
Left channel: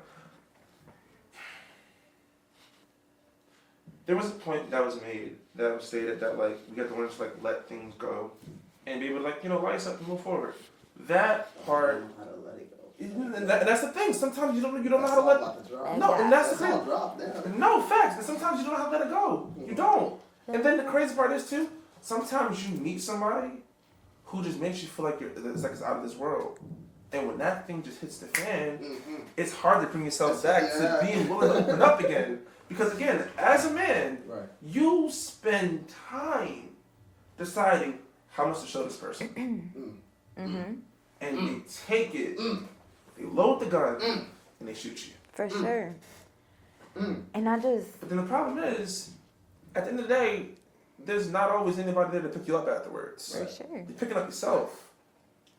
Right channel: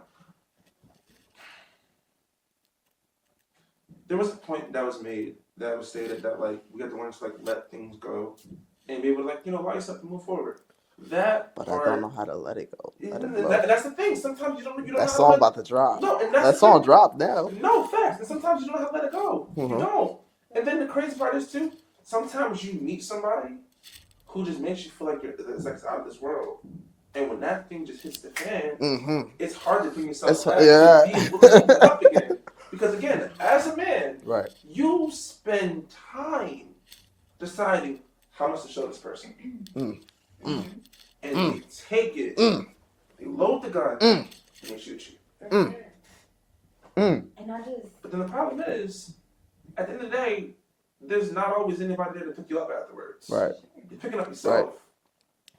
there was a point that was made that was stated that like we got to learn to like let things go and be able to like light us up and move forward. That But part, I don't know how to let it go. Let it go. that's the thing. Sometimes you don't know That how to song let about to drop. No, and that's That the song thing. dropped now. No, facts. And sometimes you don't know how to let it go. You Mhm. don't. And then the crazy part is too, sometimes you meet somebody who just makes you feel like it's like it's out of this world. And when that thing just hits the fan, Mm-hmm. it's hard to bring yourself It's- back yeah. to being willing to open up again. Because again, as a man, Right. you spend time deciding how much to show this person. And they take it, they load the gun, and they shoot you. For sure. And I just But then the problem is, at the end of the day, there's not always anybody there to pick you up afterwards. Right. sure. You're picking up yourself.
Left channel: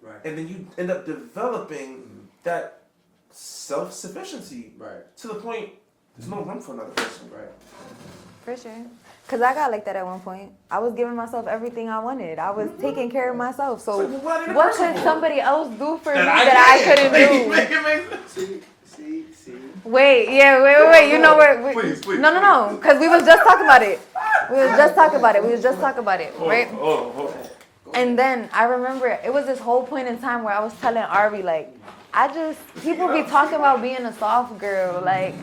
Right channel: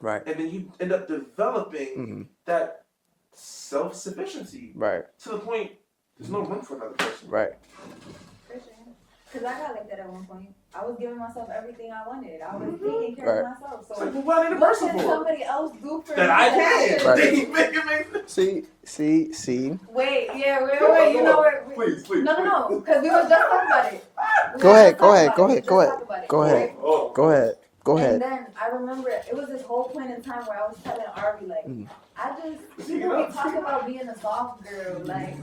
Right. And then you end up developing that self-sufficiency Right. to the point there's no room for another person. Right. For sure. Cause I got like that at one point. I was giving myself everything I wanted. I was taking care of Right. myself. So So what what could somebody else do for me that that I couldn't Right. do? Make it make sense. See. Wait. You know where? Please. No. Cause we was just talking about it. We was Go just ahead, talking go about ahead, it. go We ahead, just go talked ahead. about it. Go Right? ahead. Oh, Go ahead. Go ahead. And then I remember it was this whole point in time where I was telling Ari like, people be talking about being a soft girl. Like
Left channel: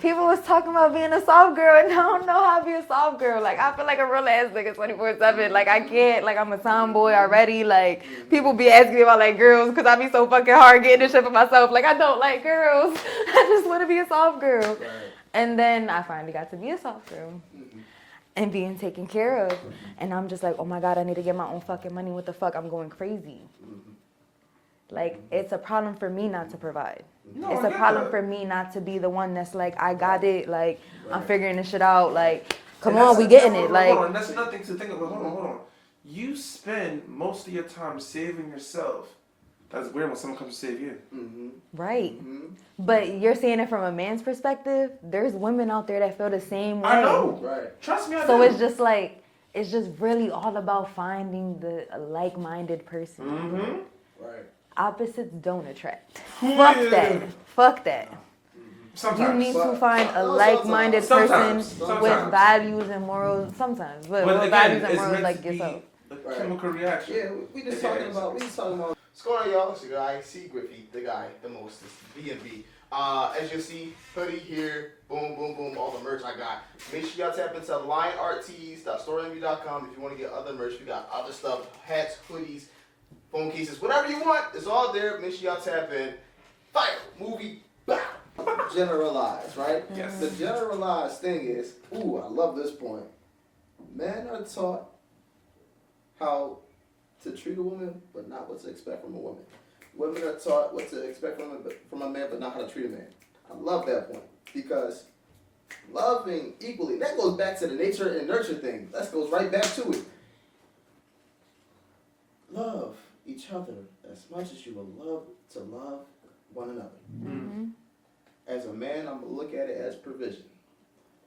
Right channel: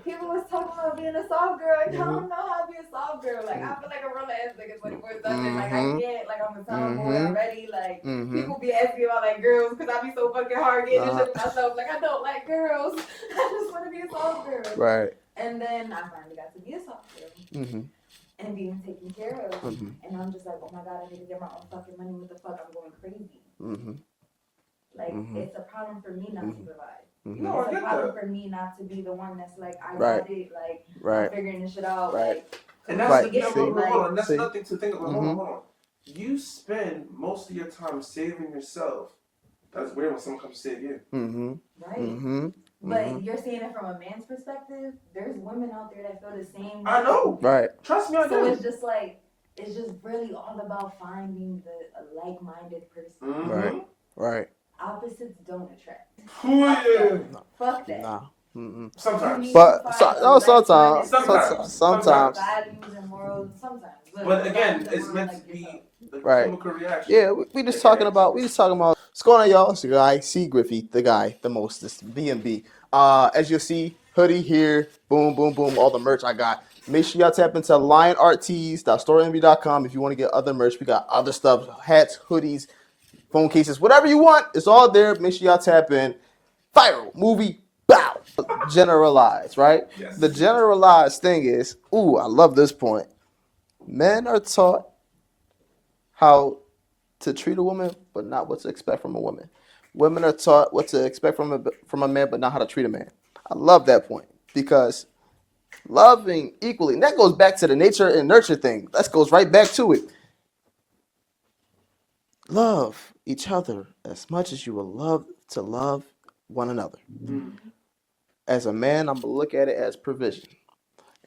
people was talking about being a soft girl, and I don't know how to be a soft girl. Like I feel like a real ass nigga 24/7. Like I can't. Like I'm a tomboy already. Like people be asking me about like girls because I be so fucking hard getting this shit for myself. Like I don't like girls. I just want to be a soft girl. Right. And then I finally got to be a soft girl. And being taken care of. And I'm just like, oh my God, I need to get my own fucking money. What the fuck? I'm going crazy. Like, it's a problem for me not to provide. No, It's I a get problem that. for me not to be the one that's like, I got Right. it. Like, I'm Right. figuring this shit out. Like, come And on, that's- we getting hold it. Like, on, that's See. nothing to think about. Hold on. You spend most of your time saving yourself. That's weird when someone comes to save you. Right. But you're seeing it from a man's perspective. There's women out there that feel the same way. I know. Right. Trust me, I So do. it's just like, it's just really all about finding a like-minded person. Right. Right. Opposites don't attract. Yeah. Fuck that. Nah. You Sometimes. need But to find a no, like-minded sometimes. person Sometimes. with values and morals. Sometimes, but But with again, values and it's morals meant like to be yourself. a Right. chemical reaction. Yeah, we just talking about what's going on, y'all. It's the guy, C Griffey, the guy, the mostest, B&B. As you see, hoodie here, boom, boom, boom, all the merch I got. Make sure y'all tap into lionarttees.storeenvy.com if you want to get other merch. We got other stuff, hats, hoodies, phone cases, whatever you want. It's all there. Make sure y'all tap in. Viral movie, bow. Generalize, right? Yes. The generalized thing is, ooh, I love this point. Men are taught how to treat a woman, but not what to expect from a woman. Women are taught what to expect from a man, but not how to treat a man. I love that point because loving equally, and that goes back to the nature and nurture thing. That goes right back to it. Love each other as much as you will love to love one another. As a man, I'm gonna look at it as provision.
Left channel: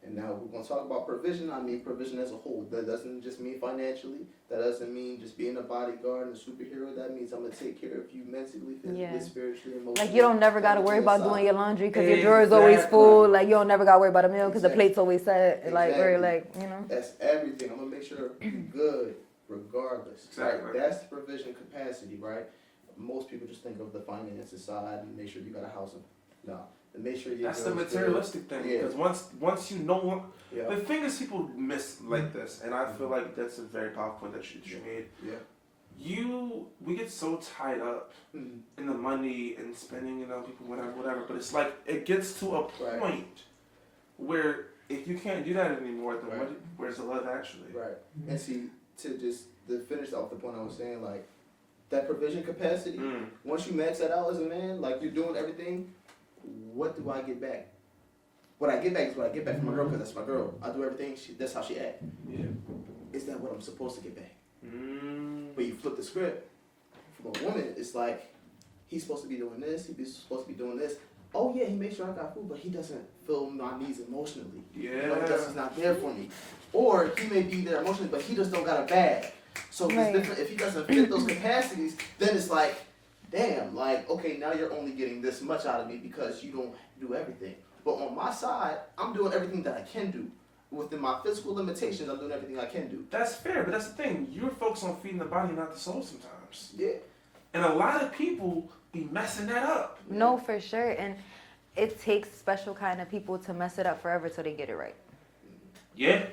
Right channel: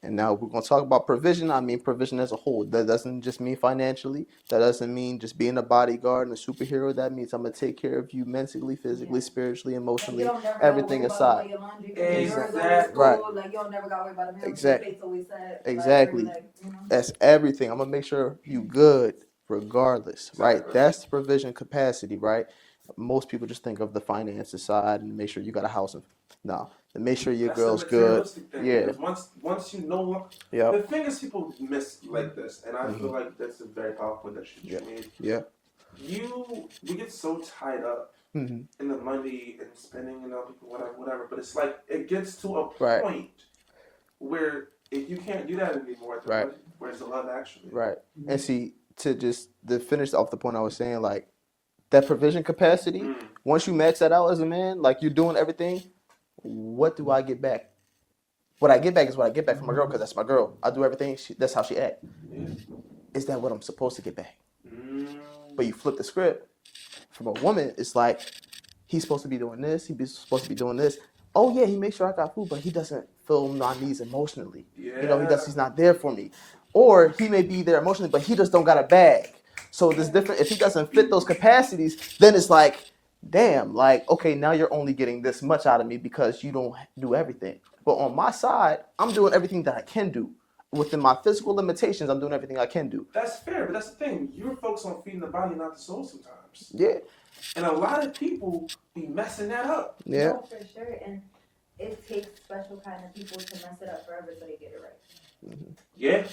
And now we're going to talk about provision. I mean provision as a whole. That doesn't just mean financially. That doesn't mean just being a bodyguard and a superhero. That means I'm going to take care of you mentally, physically, Yeah. spiritually, emotionally. Like you don't never got to worry everything about aside. doing your laundry because your drawer is always Exactly. full. Right. Like you don't never got to worry about a meal because the Exactly. plate's always set. Exactly. Like you know. That's everything. I'm going to make sure you good regardless, right? Exactly. That's the provision capacity, right? Most people just think of the finances side and make sure you got a house. No. And make sure your That's girl's the good. materialistic thing. Yeah. Because once you know, Yep. the thing is people miss like this, and I feel like that's a very powerful point that you just made. Yeah. We get so tied up in the money and spending it on people, whatever. But it's like it gets to a Right. point where if you can't do that anymore, then Right. where's the love actually? Right. And see, to finish off the point I was saying, like that provision capacity, once you max that out as a man, like you're doing everything, what do I get back? What I get back is what I get back from my girl because that's my girl. I do everything. That's how she act. Yeah. Is that what I'm supposed to get back? But you flip the script. From a woman, it's like he's supposed to be doing this. He's supposed to be doing this. Oh yeah, he makes sure I got food, but he doesn't fill my needs emotionally. Yeah. You know, he's not there for me. Or he may be there emotionally, but he just don't got a bag. So it's Right. different. If he doesn't fit those capacities, then it's like, damn, like, okay, now you're only getting this much out of me because you don't do everything. But on my side, I'm doing everything that I can do. Within my physical limitations, I'm doing everything I can do. That's fair, but that's the thing. You're focused on feeding the body, not the soul sometimes. Yeah. And a lot of people be messing that up. Yeah. No, for sure. And it takes special kind of people to mess it up forever till they get it right. Yeah.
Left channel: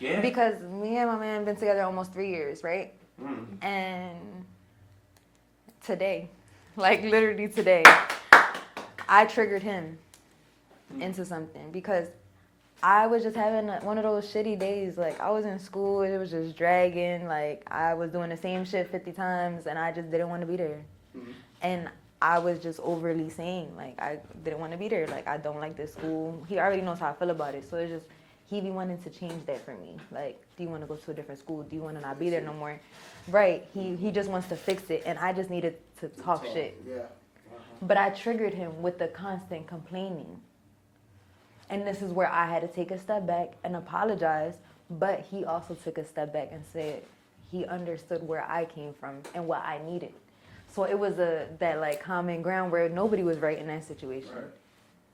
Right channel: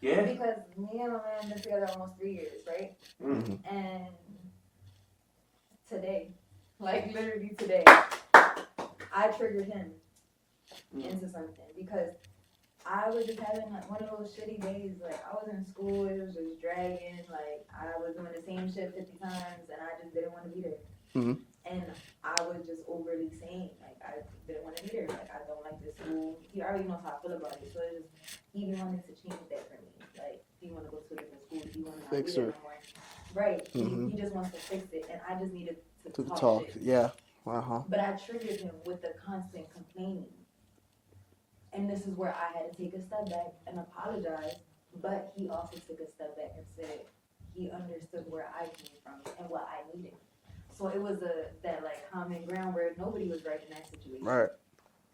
Yeah. Because me and my man been together almost 3 years, right? Mm. And today, like literally today, I triggered him into something because I was just having one of those shitty days. Like I was in school, it was just dragging. Like I was doing the same shit 50 times and I just didn't want to be there. And I was just overly saying, like, I didn't want to be there. Like, I don't like this school. He already knows how I feel about it. So it's just, he be wanting to change that for me. Like, do you want to go to a different school? Do you want to not be there no more? Right. He just wants to fix it. And I just needed to talk shit. Yeah. Uh-huh. But I triggered him with the constant complaining. And this is where I had to take a step back and apologize. But he also took a step back and said he understood where I came from and what I needed. So it was that like common ground where nobody was right in that situation. Right.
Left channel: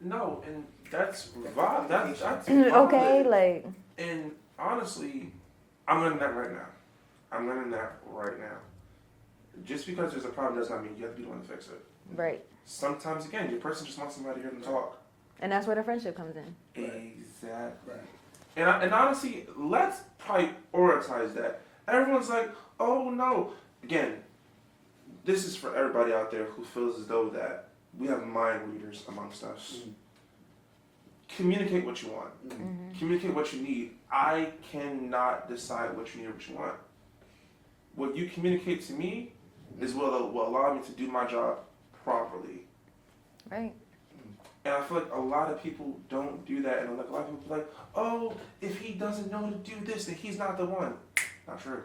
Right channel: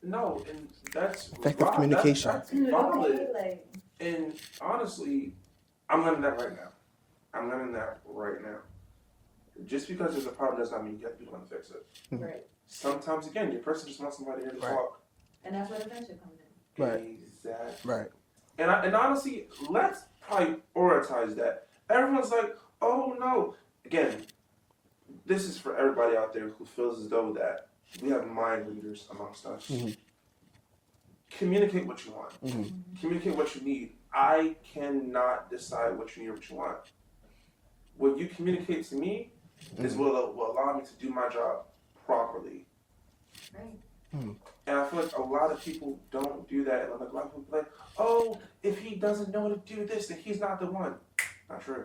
No, and that's Effective valid. communication. That's Okay, valid. like. And honestly, I'm learning that right now. Just because there's a problem does not mean you have to be the one to fix it. Right. Sometimes, again, your person just wants somebody here to Right. talk. And that's where the friendship comes in. Right. Exactly. Right. And honestly, let's prioritize that. Everyone's like, oh no. Again, this is for everybody out there who feels as though that we have mind readers amongst us. Communicate what you want. Communicate what you need. I cannot decide what you need or what you want. What you communicate to me is what will allow me to do my job properly. Right. And I feel like a lot of people don't do that. And like a lot of people are like, oh, if he doesn't know to do this, then he's not the one. Not true.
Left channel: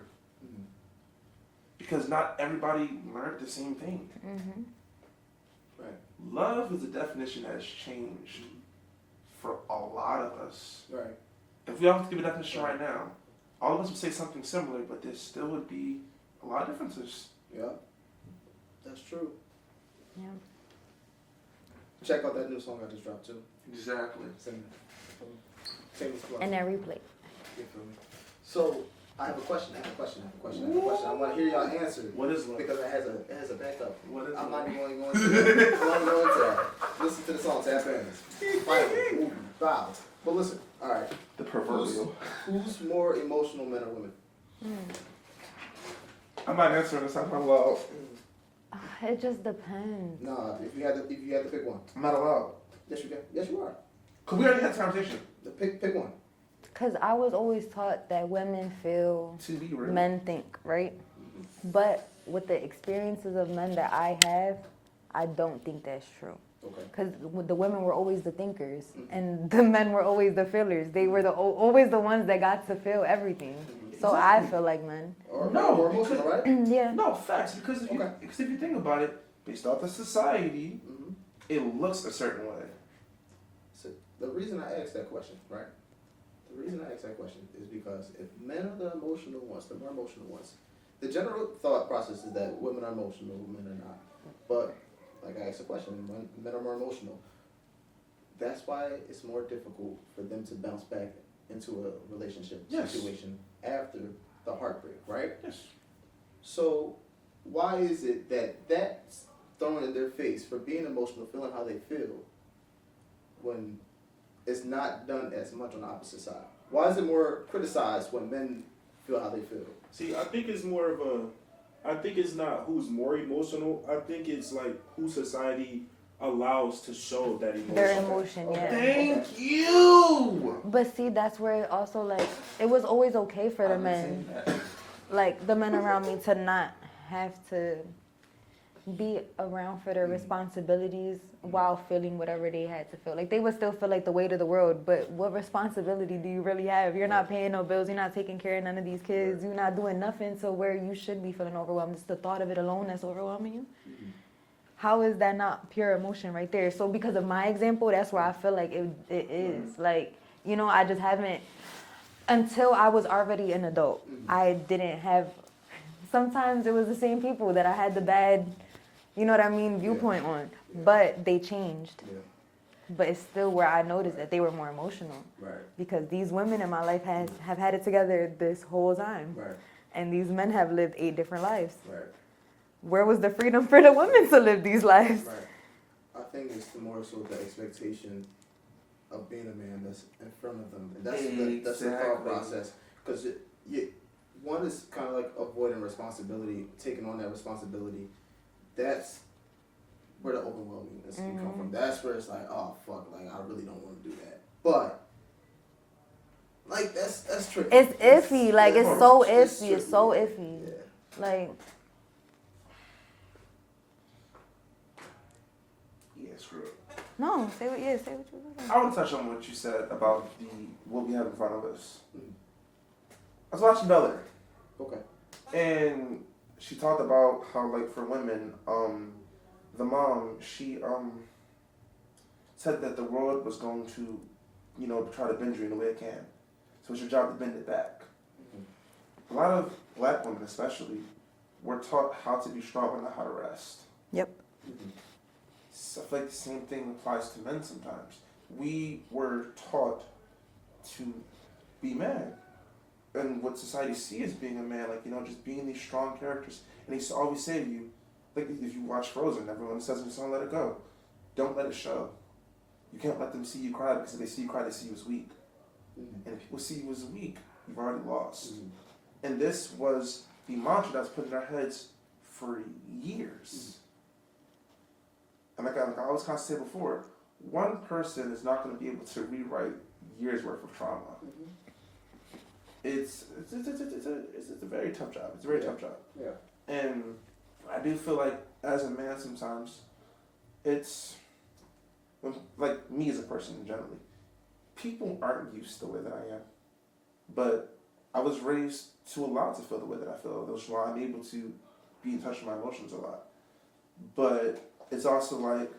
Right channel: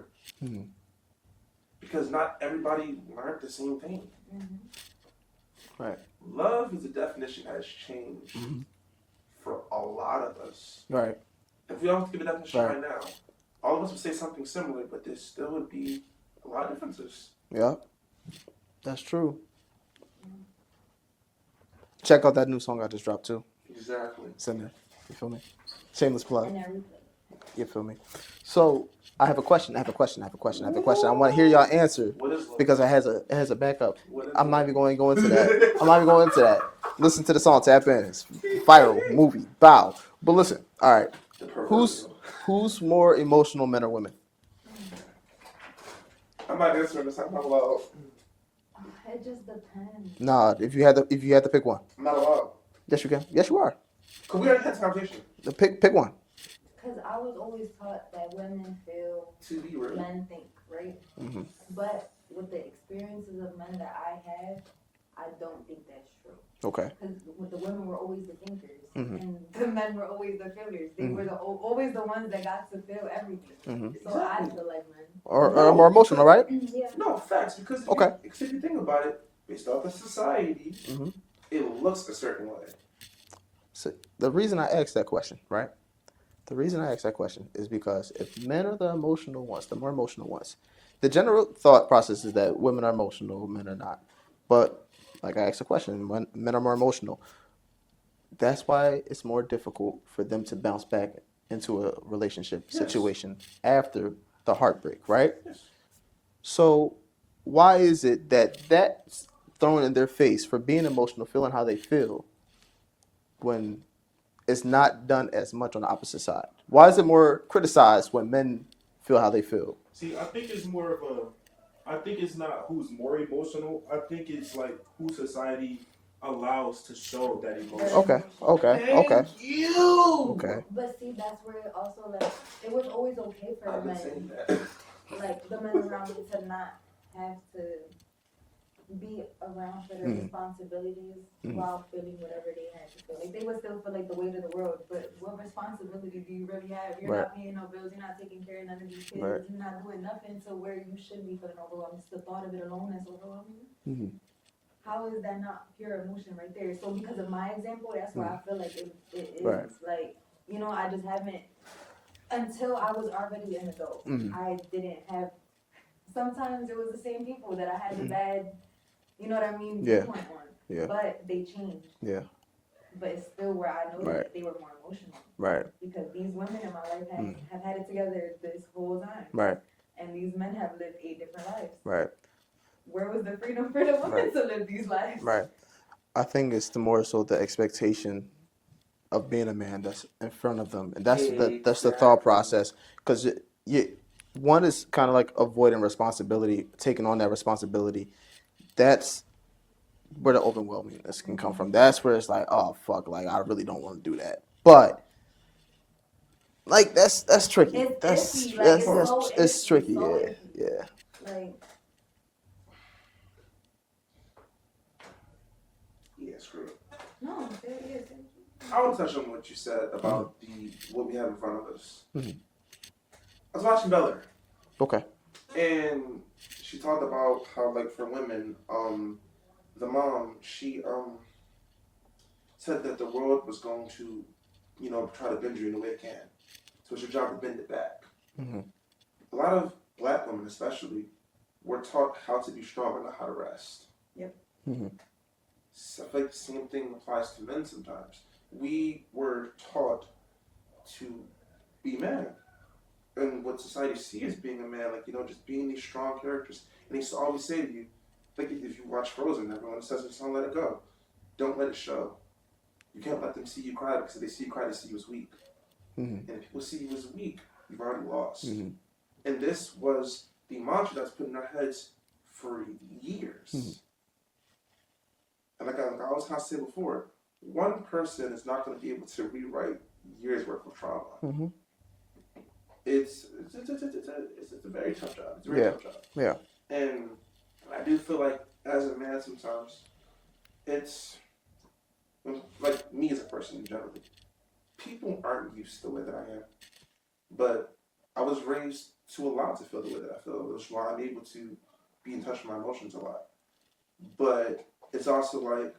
because not everybody learned the same thing. Right. Love is a definition that has changed for a lot of us. Right. If we all have to give a definition right now, all of us would say something similar, but there still would be a lot of differences. Yeah. That's true. Yeah. Check out that new song I just dropped too. Exactly. It's in there. You feel me? Shameless plug. And every plate. You feel me? So I have a question. I have a question. I want to hear y'all answer What is love? because it has a backup. What is I'm not even going to go into that. I'm not even going into that. Listen to the song. Tap in. It's viral movie. Bow. But listen. All right. The proverbial. Who's more emotional, men or women? I'm not answering this. I'm not allowed. It just depends. Nah. If you had to pick one. I'm not allowed. Yes, you can. Yes, you are. Cause we already had this conversation. Pick one. Because I was always taught that women feel, To be real. men think, right? But with the experiences of men that I have, I don't think that's true. Okay. Because the women were always the thinkers, and the men were always the feelers. They were always the ones that got to feel everything. So I feel like men. Or more emotional, right? Yeah. No, facts. Because if you think about it, based off of society, it looks a certain way. So the reason I asked that question, right? The reason I asked that question is because if men are the emotional ones, the more emotional ones, the general thought process is that women are emotional, men are not. But like I asked the question, when men are more emotional, that's why it's more difficult for them to bounce back into a relationship situation after the heartbreak, right? Yes. So why is it that that's thrown in their face for being emotional, feeling how they feel, when it's not done as much on the opposite side? Why is it more criticized when men feel how they feel? See, I think it's more of I think it's not who's more emotional. I think it's like who society allows to show that Their emotion. Okay. emotion. Thank you. Okay. But see, that's where it also like, it was always okay for the men, like the men around me, to not have to be around for their responsibilities while feeling whatever they had to feel. Like they would still feel like the weight of the world, but what responsibility do you really have? You're not paying no bills, you're not taking care of none of these kids, you're not doing nothing to where you should be feeling overwhelmed. It's the thought of it alone that's overwhelming you. How is that not pure emotion right there? So because of my example, that's where I feel like it is. Like, you know, I just haven't, until I was already an adult, I didn't have, sometimes it was the same people that I had the bad, you know what I mean, viewpoint on. Yeah. But they changed. Yeah. But it's still where I noticed that they were more emotional. Right. Because these women in my life have had it together this whole time. Right. And these men have lived 8 different lives. Right. Where was the freedom for the women to live these lives? Right. I think it's the more so the expectation of being a man that's in front of them, and that's the thought process. Because one is kind of like avoiding responsibility, taking on that responsibility. That's where the overwhelmingness can come from. That's where it's like, oh fuck, like I really don't want to do that. But like that's tricky. It's iffy. Like it's so iffy. It's tricky. So yeah. iffy. Yeah. Like. Yeah, screw it. No, say what you saying. I want to touch on what you said about what we have in front of us. I was watching Bel-Air. Okay. And she talked about how, like, for women, the mom, she said that the world was going to, you know, try to bend you in the way it can. So it's your job to bend it back. A lot of black women, especially, were taught how to be strong and not how to rest. Yep. So I feel like the same thing applies to men sometimes. We were taught to be men. And what society sees as being a man, like, you know, just being these strong characters. And they used to always say to you, like, if you watch Frozen, everyone says, "Son, let it go. Don't let it show. You can't let them see you cry, because if they see you cry, they see you as weak. And if people see you as weak, you've already lost." And this was the mantra that's put in our heads for years. And like I always kind of say before, one person is not going to be able to rewrite years worth of trauma. It's a very tough job. It's a very tough job. Yeah. And I do feel like as a man sometimes, it's when, like me as a person generally, people aren't used to the way that I am. But I was raised to allow to feel the way that I feel, which is why I'm able to be in touch with my emotions a lot. But it's also like,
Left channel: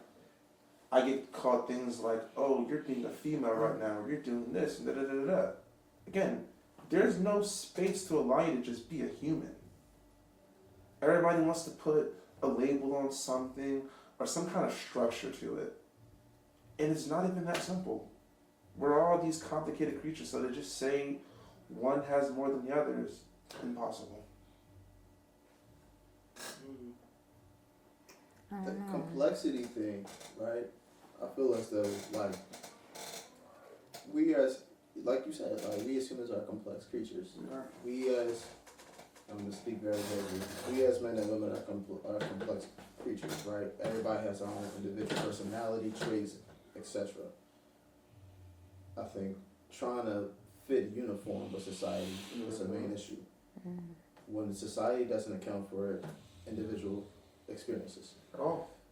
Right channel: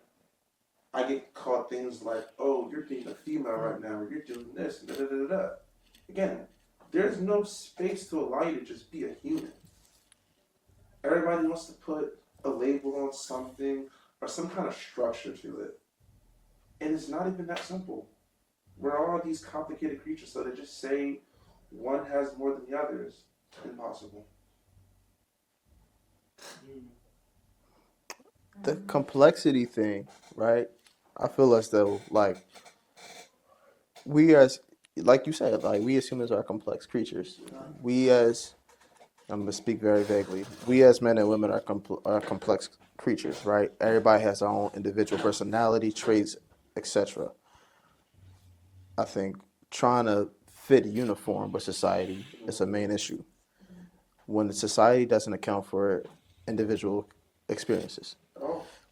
I get caught things like, oh, you're being a female right now, or you're doing this, and da-da-da-da-da. Again, there's no space to allow you to just be a human. Everybody wants to put a label on something or some kind of structure to it. And it's not even that simple. We're all these complicated creatures, so to just say one has more than the other is impossible. The complexity thing, right? I feel as though, like, we as, like you said, like, we as humans are complex creatures. We as, I'm going to speak very vaguely, we as men and women are complex creatures, right? Everybody has their own individual personality, traits, etc. I think trying to fit uniform with society is a main issue. When the society doesn't account for individual experiences.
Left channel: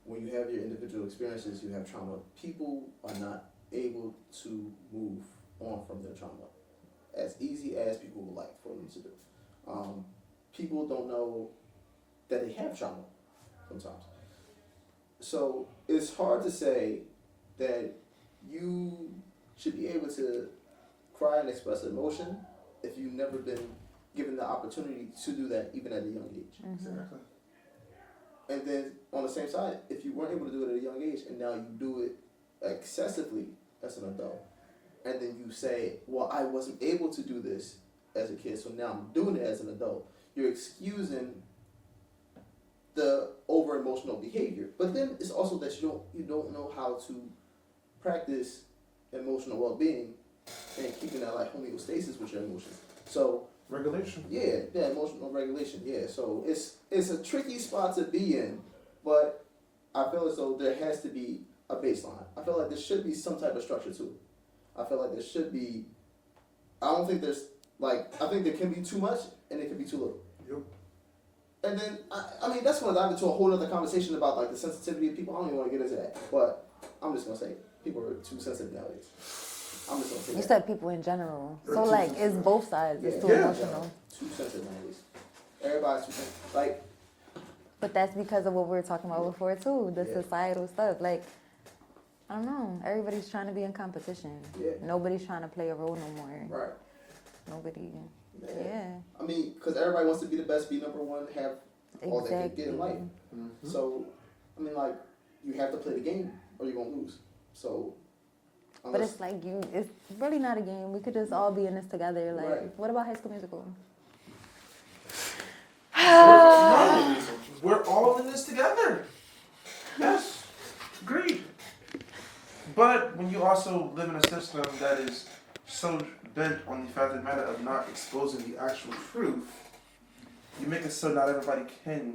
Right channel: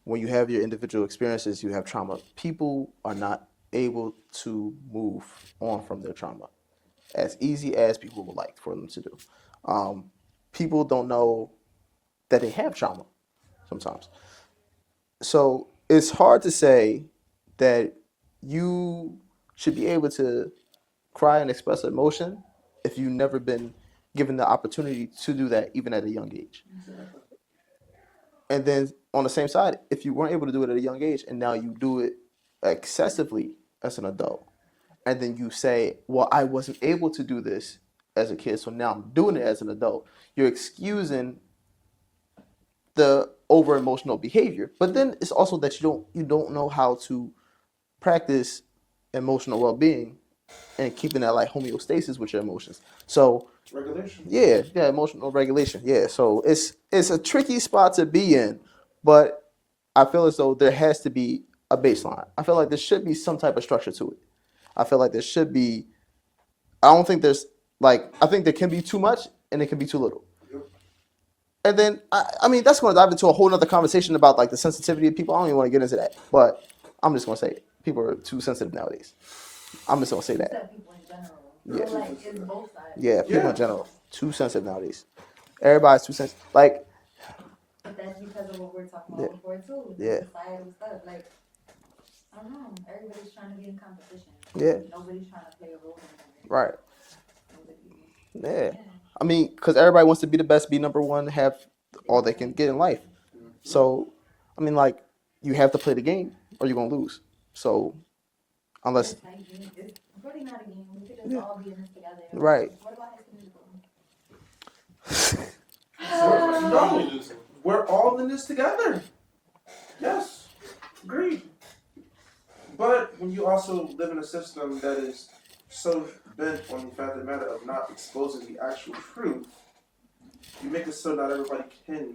When you have your individual experiences, you have trauma. People are not able to move on from their trauma as easy as people would like for them to do. People don't know that they have trauma sometimes. So it's hard to say that you should be able to cry and express emotion if you've never been given the opportunity to do that even at a young age. Exactly. And then on the same side, if you weren't able to do it at a young age and now you do it excessively as an adult, and then you say, well, I wasn't able to do this as a kid, so now I'm doing it as an adult, you're excusing the over emotional behavior. But then it's also that you don't know how to practice emotional well-being and keeping that like homeostasis with your emotions. So Regulation. yeah, emotional regulation. Yeah, so it's a tricky spot to be in, but I feel as though there has to be a baseline. I feel like there should be some type of structure to it. I feel like there should be. I don't think there's like, I think there can be too much and it can be too little. Yep. And then I mean that's going to dive into a whole other conversation about like the sensitivity of people. I don't even want to get into that, but I'm just going to say it. People are too sensitive nowadays. I'm just gonna say You that. said people in general. So like it's both sides. Yeah, too. people in general. Too sensitive nowadays. Everybody's too sensitive. Like, But that's because of what we were talking about before too, the societal stuff. Like, I don't know. Everybody's trying to be in competition. Yeah. Nobody's trying to play a role no more. right. Nobody. Yeah. I mean, because everybody wants to be the best, be number one, have all they can get in life. So, I mean, like, you have to play the game or you're gonna lose. So, But unless it's like it's really not a game. We could just all be in this together. Like, Right. What about High School Musical? We're all in this together. Yes, agreed. But when you also live in a system that is so bent on the fact of the matter of not exposing the actual truth, you make it so not everybody can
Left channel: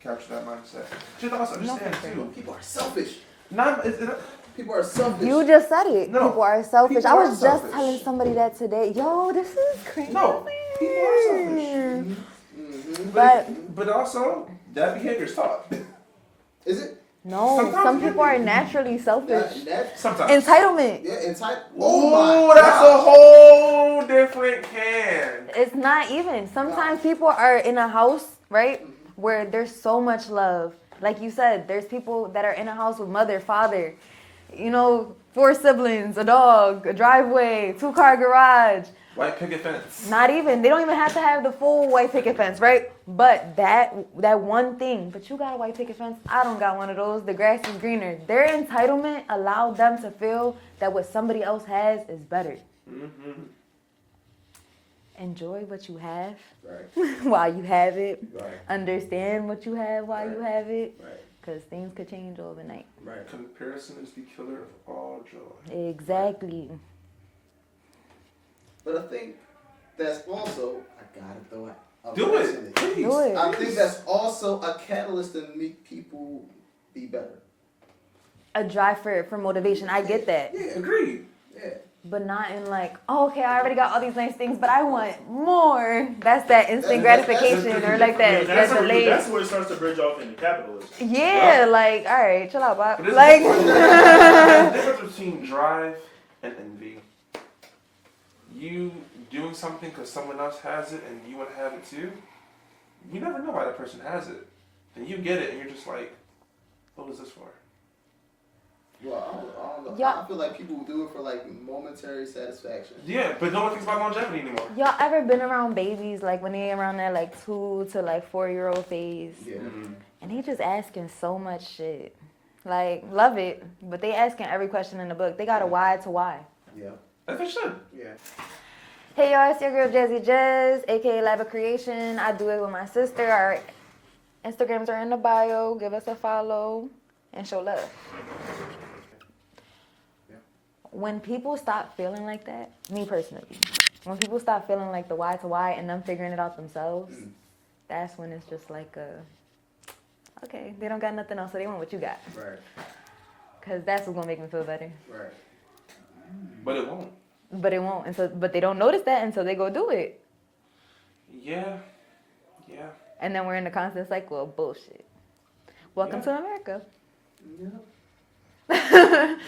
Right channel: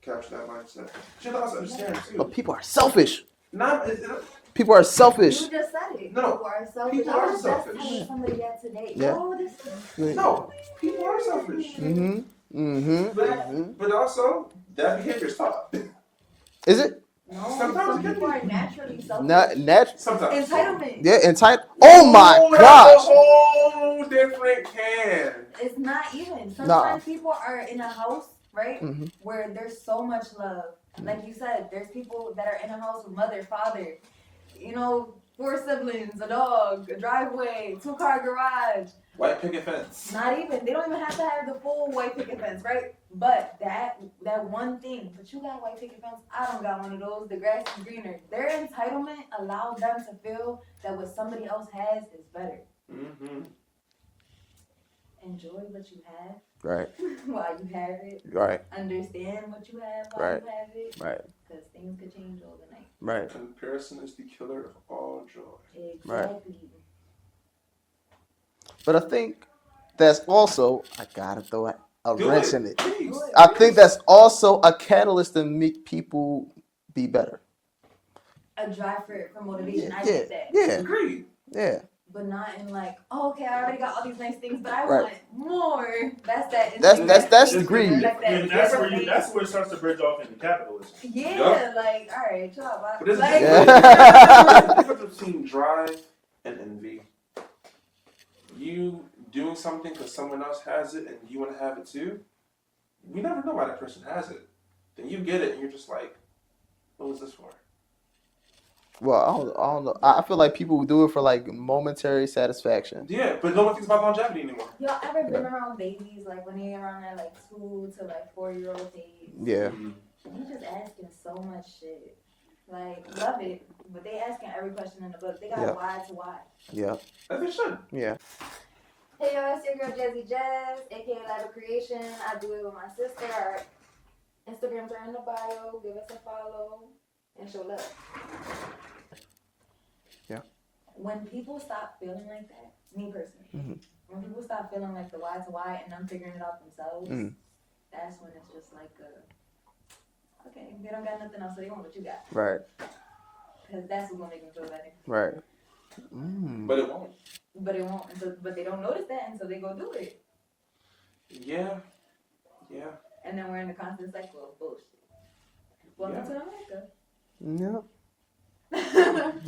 capture that mindset. You also understand too. but people are selfish. Is it, People are selfish. You just said it. No, People are selfish. people I are was selfish. just telling somebody that today. Yo, this is crazy. no, people are selfish. Mm-hmm. But also, that behavior's taught. Is it? No, Sometimes some you people do. are naturally selfish. Sometimes. Entitlement. Yeah, entitled. Oh my That's a gosh. whole different can. It's not even. Sometimes people are in a house, right, where there's so much love. Like you said, there's people that are in a house with mother, father, 4 siblings, a dog, a driveway, 2-car garage. White picket fence. Not even. They don't even have to have the full white picket fence, right? But that one thing. But you got a white picket fence. I don't got one of those. The grass is greener. Their entitlement allowed them to feel that what somebody else has is better. Mm-hmm. Enjoy what you have Right. while you have it. Right. Understand what you have while you have it. Right. Because things could change overnight. Right. Comparison is the killer of all joy. Exactly. But I think that's also, I gotta throw a wrench in it. Do it. I think that's also a catalyst to make people be better. A drive for motivation. I get that. Yeah. Agreed. Yeah. But not in like, oh, okay, I already got all these nice things, but I want Right. more. That's that instant That's gratification greedy. or like that. that's delayed- where it starts to bridge off into capitalism. Yeah, like, all right, chill out, Bob. But this Like, is the difference between drive and envy. You doing something because someone else has it and you want to have it too, you never know why that person has it. then you get it and you're just like, what was this for? Well, I don't know. Yeah. I feel like people do it for like momentary satisfaction. Yeah, but no one thinks about longevity anymore. Y'all ever been around babies, like when they around that like 2 to like 4-year-old phase? Yeah. And they just asking so much shit. Like, love it, but they asking every question in the book. They got a why to why. Yeah. As they should. Yeah. Hey y'all, it's your girl Jazzy Jazz, aka Lab of Creation. I do it with my sister. Our Instagrams are in the bio. Give us a follow and show love. Yeah. When people stop feeling like that, me personally, when people stop feeling like the why to why and them figuring it out themselves, that's when it's just like okay, they don't got nothing else, so they want what you got. Right. Cause that's what's gonna make me feel better. Right. But it won't. But it won't, and so but they don't notice that until they go do it. Yeah. Yeah. And then we're in the constant cycle of bullshit. Welcome to America. Yep.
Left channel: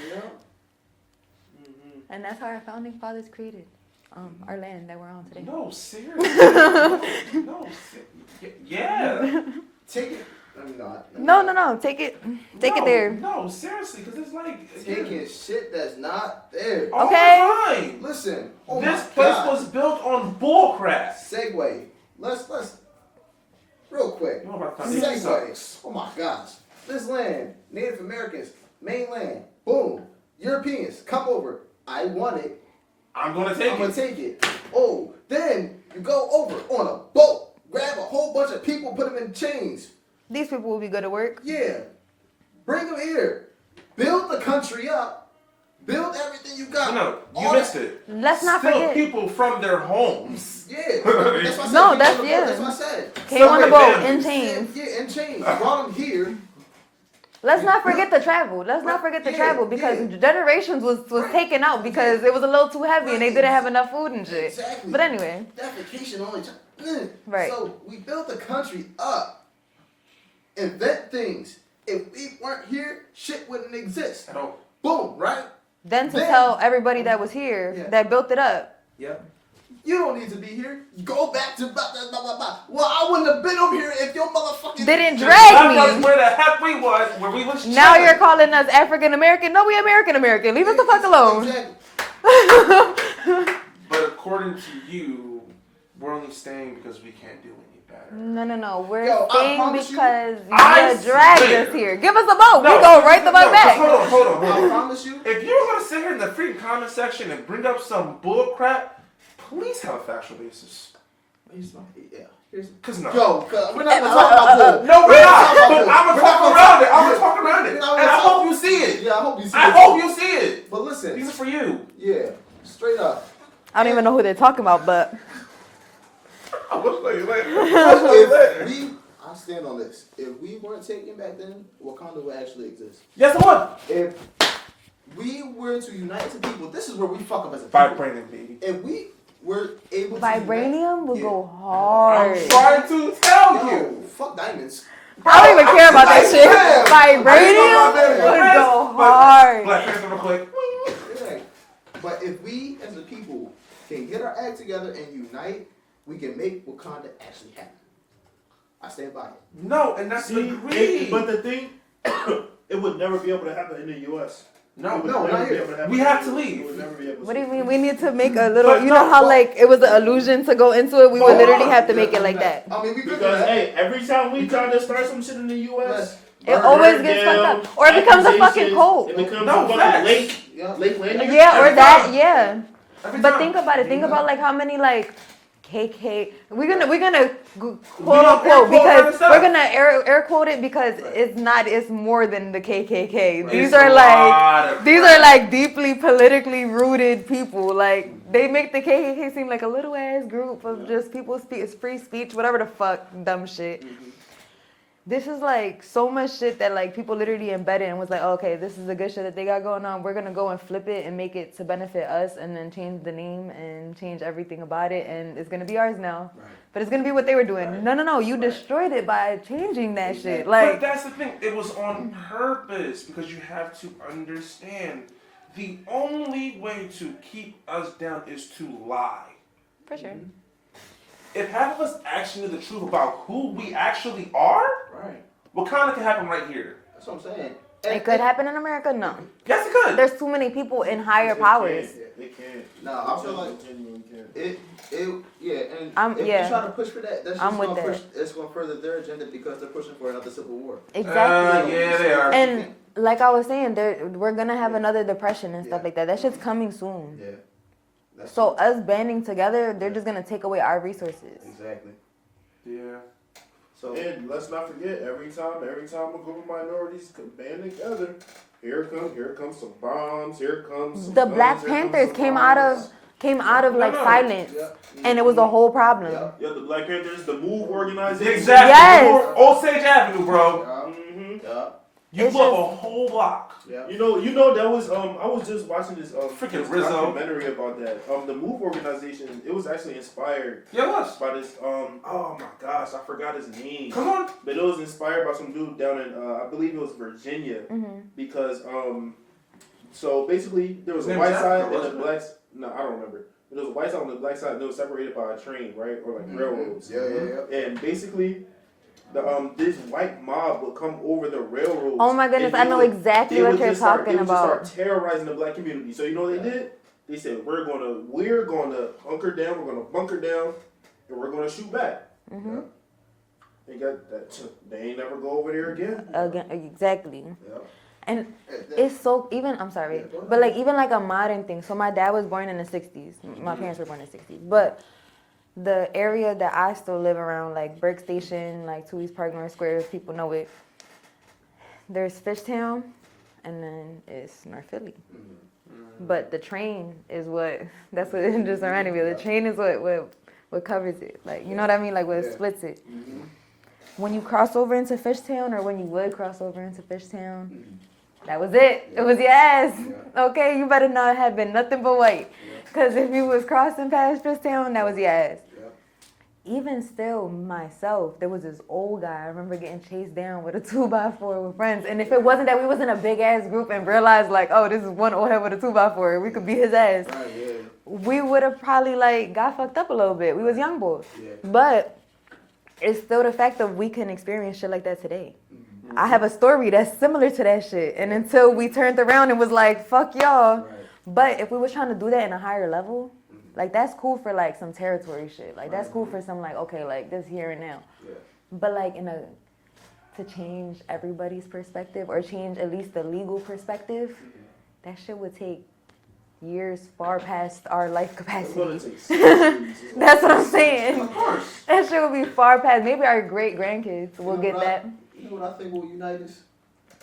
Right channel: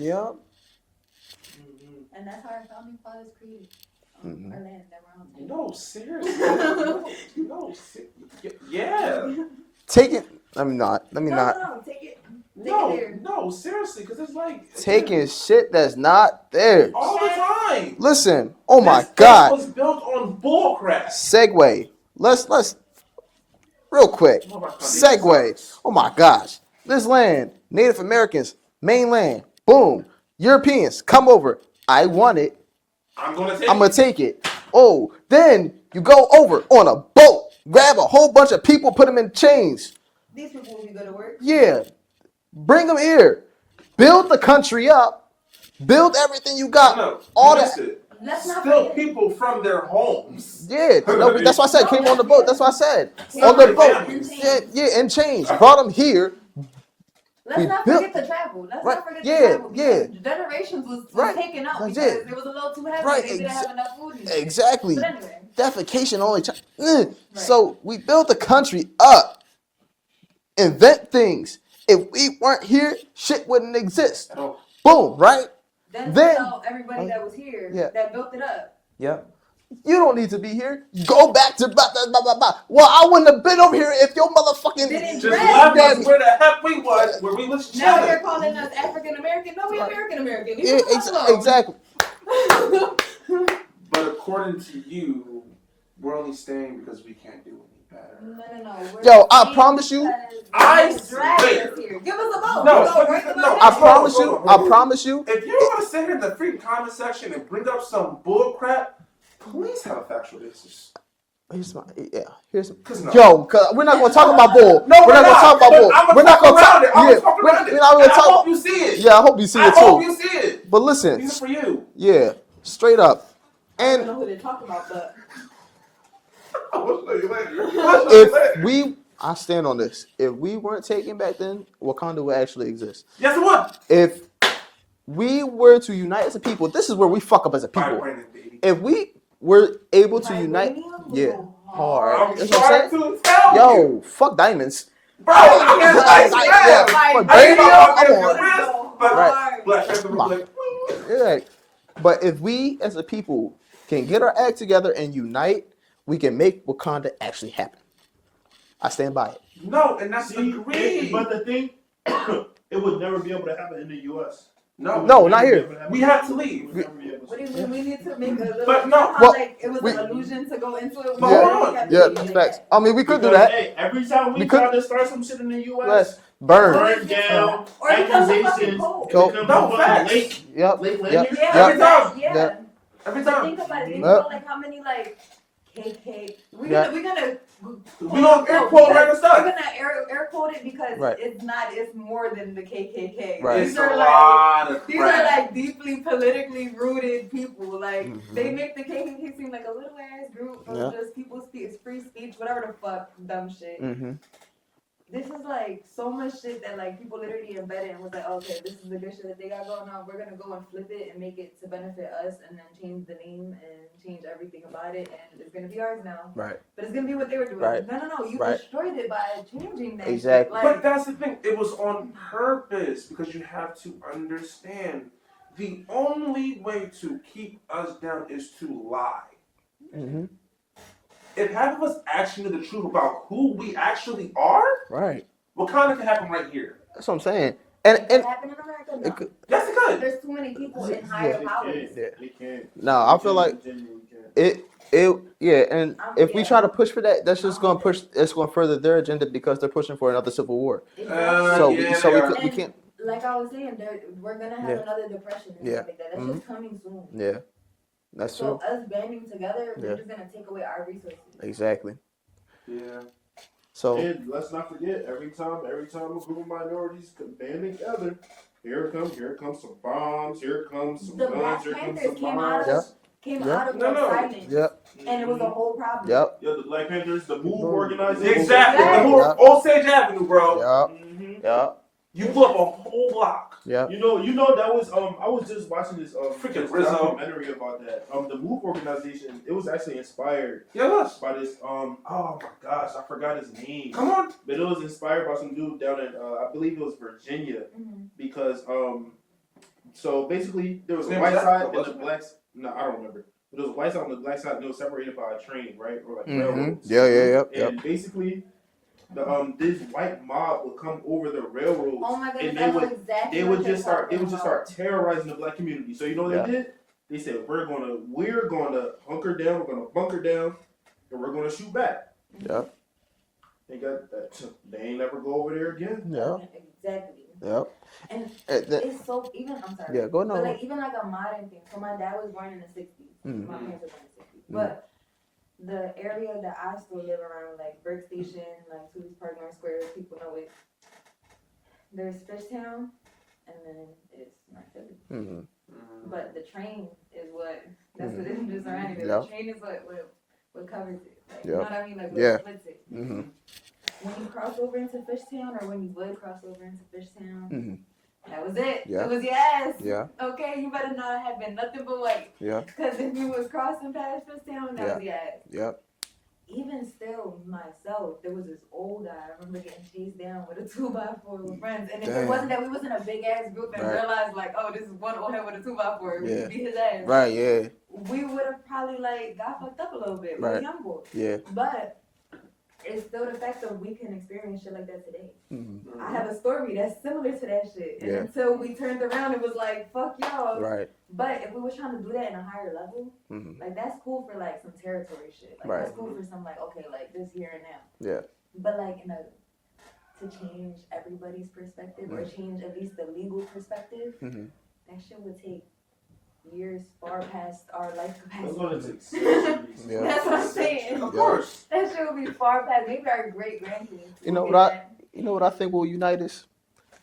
Yep. And that's how our founding fathers created our land that we're on today. No, seriously. No, yeah. Take it. Let me not. No. Take it there. No, seriously, because it's like Taking shit that's not there. all Okay. the time. Listen. Oh my This place God. was built on bullcrap. Segue. Let's real quick. Segue. Oh my gosh. This land, Native Americans, mainland, boom. Europeans, come over. I want it. I'm gonna take it. Oh, then you go over on a boat, grab a whole bunch of people, put them in chains. These people will be good at work. Yeah. Bring them here. Build the country up. Build everything you got. No, all you missed that. it. Let's not Still forget. people from their homes. Yeah, that's what I said. No, Came that's- on the boat. yeah. That's what I said. Came on the Okay. boat in chains. Yeah, in chains. Brought them here. Let's We not forget built- the travel. Let's not forget the Yeah, travel because yeah. generations was Right. taken out That's because it. it was a little too heavy Right, and they didn't have exa- enough food and shit. Exactly. But anyway, Defecation only. Right. So we built the country up. Invent things. If we weren't here, shit wouldn't exist. Oh, Boom, right? then to Then- tell everybody that was here Yeah. that built it up. Yep. You don't need to be here. Go back to blah, blah, blah, blah, blah. Well, I wouldn't have been over here if your motherfucking... Didn't that drag was me. where the heck we was, where we was Now chilling. you're calling us African American. No, we American American. Leave us the fuck alone. Exactly. But according to you, we're only staying because we can't do any better. No. We're Yo, I staying promise you, because I you dragged swear. us here. Give us a boat. No, we go right the fuck no, back. hold on. I promise you. If you want to sit here in the free comment section and bring up some bull crap, please have a factual basis. Here's my, Cause no. Yo, cause we're not gonna talk about bull. No, we're gonna not. talk about bull. I'm gonna We're not talk gonna around it. I'm yeah, gonna talk around it. We're not And gonna I talk. hope you see it. Yeah, I hope you see I it hope too. you see it. But listen, These are for you. yeah, straight up. I don't even know who they're talking about, but I will show you later. I stand on this. If we weren't taken back then, Wakanda would actually exist. Yes, it would. If we were to unite as a people, this is where we fuck up as a people. Vibranium, baby. If we were able to unite, vibranium will yeah. go hard. I'm trying to tell you. Yo, fuck diamonds. I don't even care about that shit. Vibranium Vibranium would go hard. Black Panther was like, Yeah. But if we as a people can get our act together and unite, we can make Wakanda actually happen. I stand by it. no, and that's the See, greed. but the thing, it would never be able to happen in the U.S. No, No, not here. we have to leave. What do you mean? We need to make a little. But You know how well- like it was an illusion to go into it. We would literally have to make it like facts. that. I mean, we could do Because, that. hey, every time we Because- try to start some shit in the U.S., It always burn gets down, fucked up, or it becomes a fucking accusations, cult. It So- becomes No, a fucking facts. lake. Yep. Lake landing. Yeah, or Yeah. that. Yeah. Yeah. Every But time. think about it. Think Yep. about like how many like KK. We're Yeah. gonna don't quote air unquote quote because other stuff. we're gonna air quote it because Right. it's not. It's more than the KKK. Right. These It's are a like. lot of These crap. are like deeply politically rooted people. Like they make the KKK seem like a little ass group of Yeah. just people free speech, whatever the fuck, dumb shit. This is like so much shit that like people literally embedded and was like, okay, this is the good shit that they got going on. We're gonna go and flip it and make it to benefit us, and then change the name and change everything about it, and it's gonna be ours now. Right. But it's gonna be what they were doing. Right. No, you Right. destroyed it by changing that shit. Exactly. But Like, that's the thing. It was on purpose because you have to understand the only way to keep us down is to lie. for sure. If half of us actually knew the truth about who we actually are, Right. Wakanda can happen right here. That's what I'm saying. It could happen in America? No. Yes, it could. There's too many people in higher powers. They can't. No, I feel like it yeah, and if we try to push for that, that's just gonna push. It's gonna further their agenda because they're pushing for another civil war. Exactly. So like I was saying, we're gonna have another depression and stuff like that. That shit's coming soon. Yeah, that's so true. us banding together, they're just gonna take away our resources. Exactly. Yeah. So and let's not forget, every time a group of minorities band together, here comes some bombs. Here comes some the guns, Black Panthers came out of like silence, and it was a whole problem. Yeah, the Black Panthers, the MOVE organization. Exactly. Yes. Osage Avenue, bro. You blew up a whole block. Yeah. You know that was I was just watching this freaking this Rizzo documentary about that. The MOVE organization, it was actually inspired by this oh my gosh, I forgot his name. Come on. But it was inspired by some dude down in I believe it was Virginia. Because so basically there was a white side and the blacks no, I don't remember. There was a white side and the black side and they were separated by a train, right? Or like railroads. Yeah. And basically this white mob would come over the railroads. Oh my goodness, I know exactly what you're talking about. They would just start terrorizing the black community. So you know what they did? They said we're gonna hunker down, we're gonna bunker down, and we're gonna shoot back. Yep. They ain't never go over there again. Exactly. Yep. And it's so even. I'm sorry, but like even like a modern thing. So my dad was born in the '60s. My parents were born in the '60s, but. The area that I still live around, like Burke Station, like 2 East Park, North Square, people know it. There's Fishtown, and then it's North Philly. But the train is that's what it just reminded me. The train is what covers it. Like, you know what I mean? Like, what splits it. When you cross over into Fishtown, or when you would cross over into Fishtown, that was it. It was your ass. Okay, you better not have been nothing but white. Because if you was crossing past Fishtown, that was your ass. Even still, myself, there was this old guy. I remember getting chased down with a 2x4 with friends. And if it wasn't that we was in a big ass group and realized like, oh, this is one old head with a 2x4, we could beat his ass. We would have probably like got fucked up a little bit. We was young boys. But it's still the fact that we can experience shit like that today. I have a story that's similar to that shit. And until we turned around and was like, fuck y'all. But if we was trying to do that in a higher level, like that's cool for like some territory shit. Like that's cool for some like, okay, like this here and now. But like to change everybody's perspective or change at least the legal perspective, that shit would take years far past our life capacity. That's what I'm saying. Of course. That shit would be far past. Maybe our great grandkids will get that. You know what I think will unite us?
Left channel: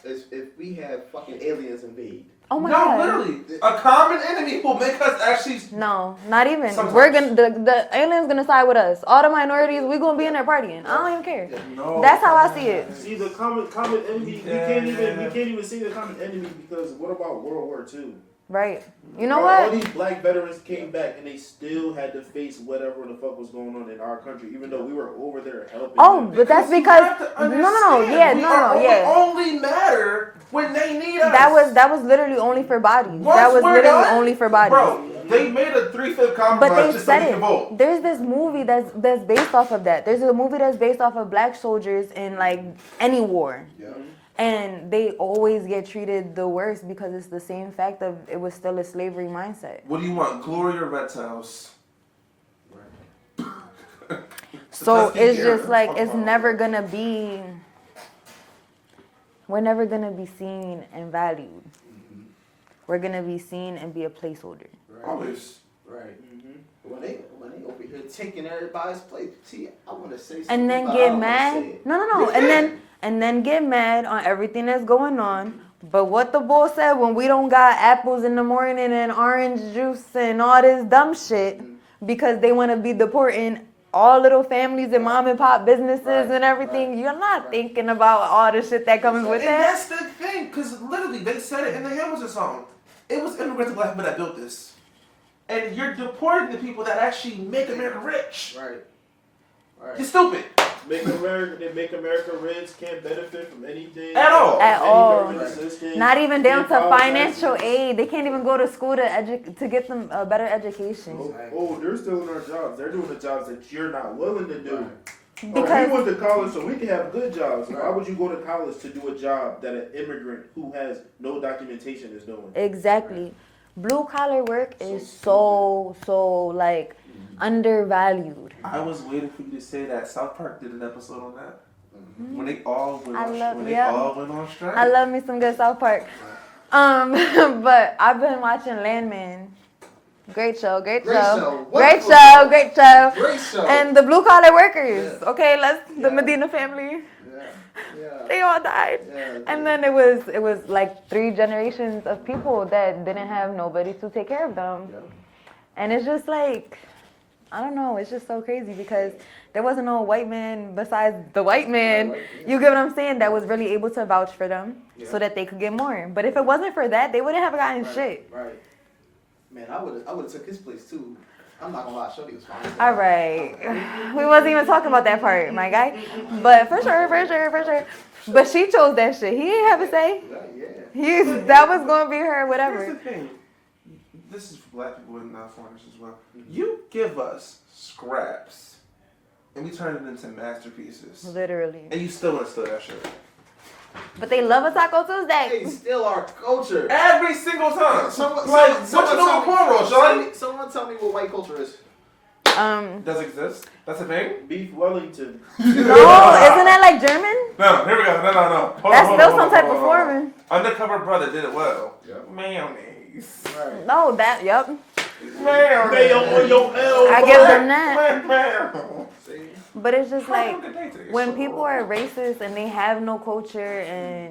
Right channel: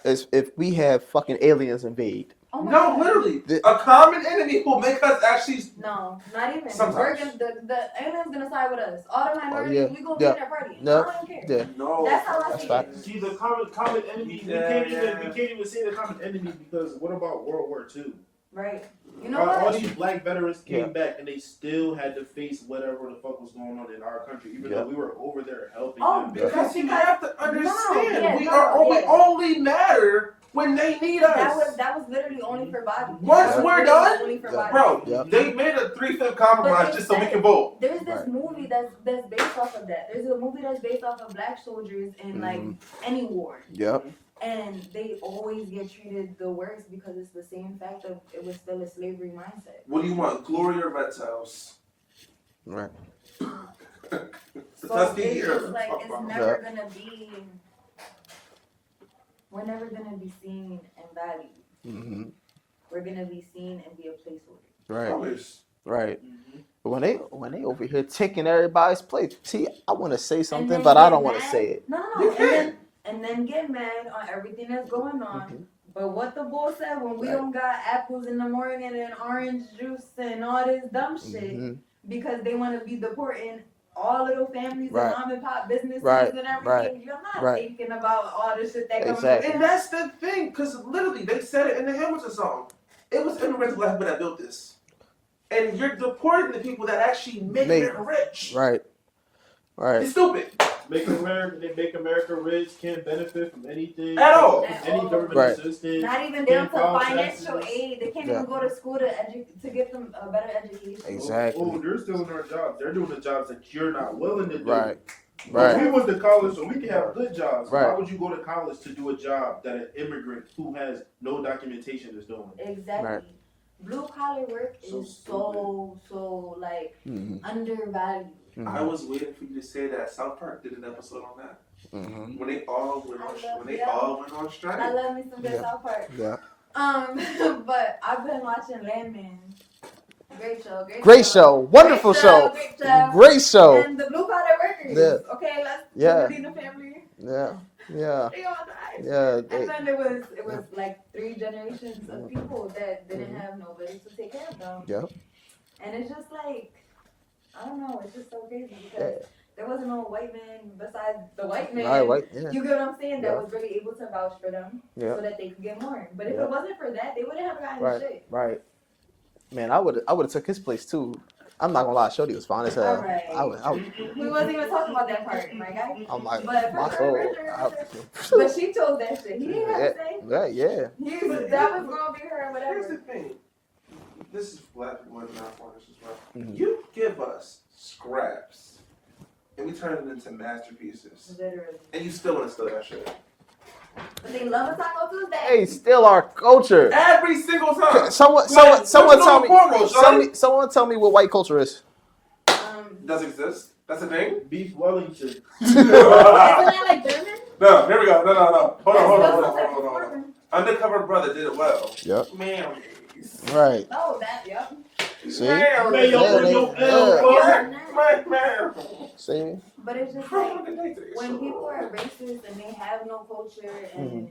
Is if we have fucking aliens invade. Oh my God. No, literally. A common enemy will make us actually. No, not even. Sometimes. We're gonna the aliens gonna side with us. All the minorities, we gonna be in there partying. I don't even care. No, that's how I see it. See the common enemy. We can't even say the common enemy because what about World War II? Right. You know All what? these black veterans came back and they still had to face whatever the fuck was going on in our country, even though we were over there helping. Oh, but that's because we only matter when they need us. That was literally only for bodies. That was literally only for bodies. Bro, they made a 3/5 compromise just so we can vote. There's this movie that's based off of that. There's a movie that's based off of black soldiers in like any war. And they always get treated the worst because it's the same fact of it was still a slavery mindset. What do you want, glory or reptiles? Right. So it's just like it's never gonna be. We're never gonna be seen and valued. We're gonna be seen and be a placeholder. Right. Always. Right. But when they over here taking everybody's place, see, I want to say something, but I don't want to say it. No. And then get mad on everything that's going on. But what the bull said, when we don't got apples in the morning and orange juice and all this dumb shit, because they want to be deporting all little families and mom and pop businesses and everything, you're not thinking about all the shit that comes with it. And that's the thing, because literally they said it in the Hamilton song. It was immigrants black people that built this. And you're deporting the people that actually make America rich. Right. It's stupid. Make America rich, can't benefit from anything at all. Not even down to financial aid. They can't even go to school to get them a better education. Exactly. Oh, they're still in their jobs. They're doing the jobs that you're not willing to do. But we went to college so we can have good jobs. Right. Why would you go to college to do a job that an immigrant who has no documentation is doing? Exactly. Right. Blue collar work is so like undervalued. I was waiting for you to say that. South Park did an episode on that. When they all went on strike. I love me some good South Park. Yeah. But I've been watching Landman. Great show. Wonderful show. Great show. Great show. And the blue collar workers. Yeah. Okay, the Yeah. Medina family. Yeah. They all died. Yeah. And then it was like 3 generations of people that didn't have nobody to take care of them. Yep. And it's just like, I don't know, it's just so crazy because there wasn't no white man besides the white man. You get what I'm saying? That was really able to vouch for them so that they could get more. But if it wasn't for that, they wouldn't have gotten shit. Right. Man, I would have took his place too. I'm not gonna lie, Shorty was fine as hell. All right. We wasn't even talking about that part, my guy. But for sure. But she chose that shit. He didn't have to say. Yeah. That was gonna be her, whatever. Here's the thing. This is for black people and non-foreigners as well. You give us scraps, and we turn it into masterpieces. Literally. And you still want to steal that shit. But they love a Taco Tuesday. Hey, still our culture. Every single time. Someone tell me what white culture is. Does exist? That's a thing? Beef Wellington. No, isn't that like German? No, here we go. No. That's still some type of foreign. Undercover Brother did it well. Yep. Mayonnaise. Right. No, yep. See? Mayonnaise. I give them that. See? But it's just like when people are racist and they have no culture and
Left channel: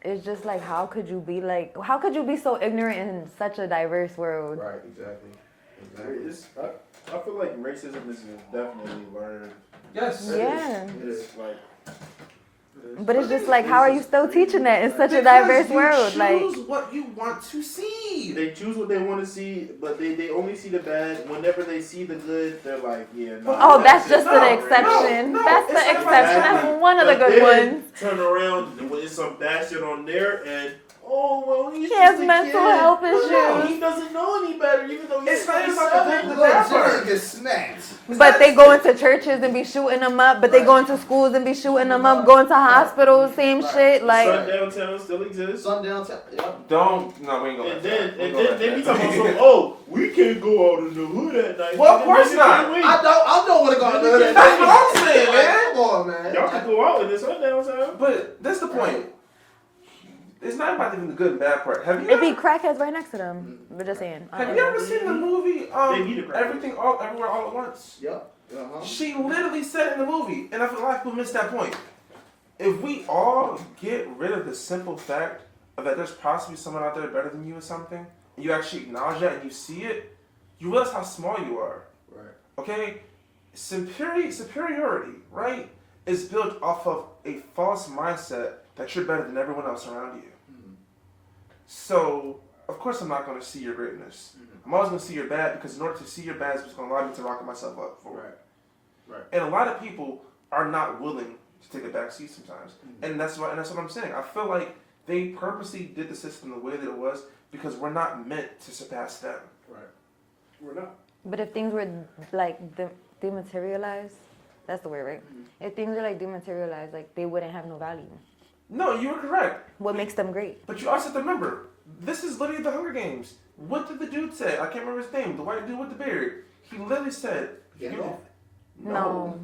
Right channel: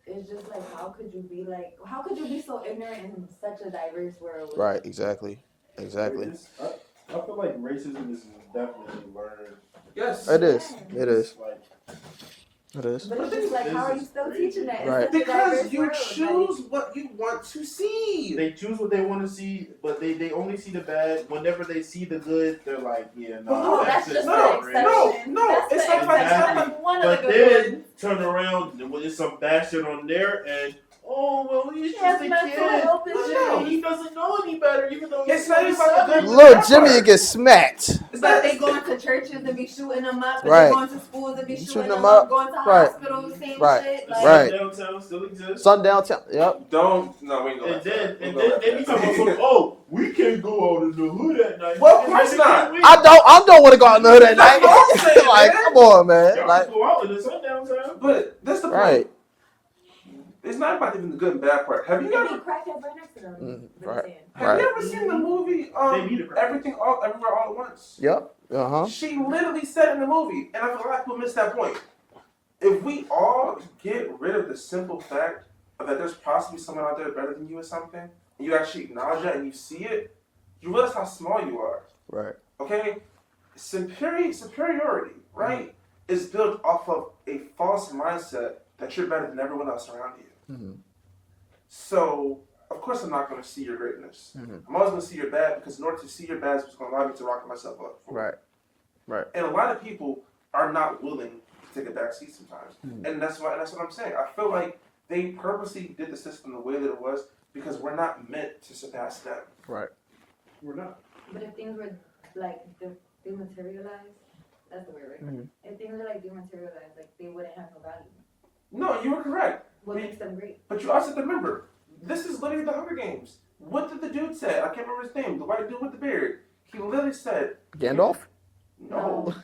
it's just like how could you be so ignorant in such a diverse world? Right, exactly. I feel like racism is definitely learned. Yes. It is. Like, It is. But it's just like, how are you still teaching that in Right. such a diverse you world? choose what you want to see. they choose what they want to see, but they only see the bad. Whenever they see the good, they're like, yeah, no. Oh, that's just an exception. No, That's the it's not exception. like That's one of the But good then ones. turn around when there's some bastard on there and he's He has just a mental kid. health No, issues. he doesn't know any better, even though he's It's not even 27. Little Jimmy gets smacked. But they go into churches and be shooting them up. But they go into schools and be shooting them up. Going to hospitals, same shit. Like, Right. Downtown still exists. Sundown town. Yep. We ain't gonna And then they be talking about we can't go out in the hood at night. Well, of course not. I don't want to go out in the hood at That's night. what I'm saying, Like, man. come on, man. Y'all Like, can go out in the sundown town. But that's the point. right. It's not about even the good and bad part. Have you it be ever, crackheads right next to them. We're just saying. have you ever seen the movie They need a crack. Everywhere All at Once? Yep. Uh-huh. She literally said in the movie, and I feel like people miss that point. If we all get rid of the simple fact of that there's possibly someone out there better than you or something, and you actually acknowledge that and you see it, you realize how small you are. Right. Okay? Superiority, right, is built off of a false mindset that you're better than everyone else around you. Mm-hmm. So, of course I'm not going to see your greatness. I'm always going to see your bad, because in order to see your bad, it's going to allow me to rock myself up. Right. Right. And a lot of people are not willing to take a back seat sometimes. And that's what I'm saying. I feel like they purposely did the system the way that it was because we're not meant to surpass them. Right. We're not. But if things were like dematerialized, that's the word, right? If things are like dematerialized, like they wouldn't have no value. No, you were correct. What makes them great? But you also have to remember, this is literally the Hunger Games. What did the dude say? I can't remember his name. The white dude with the beard. He literally said... Gandalf? No.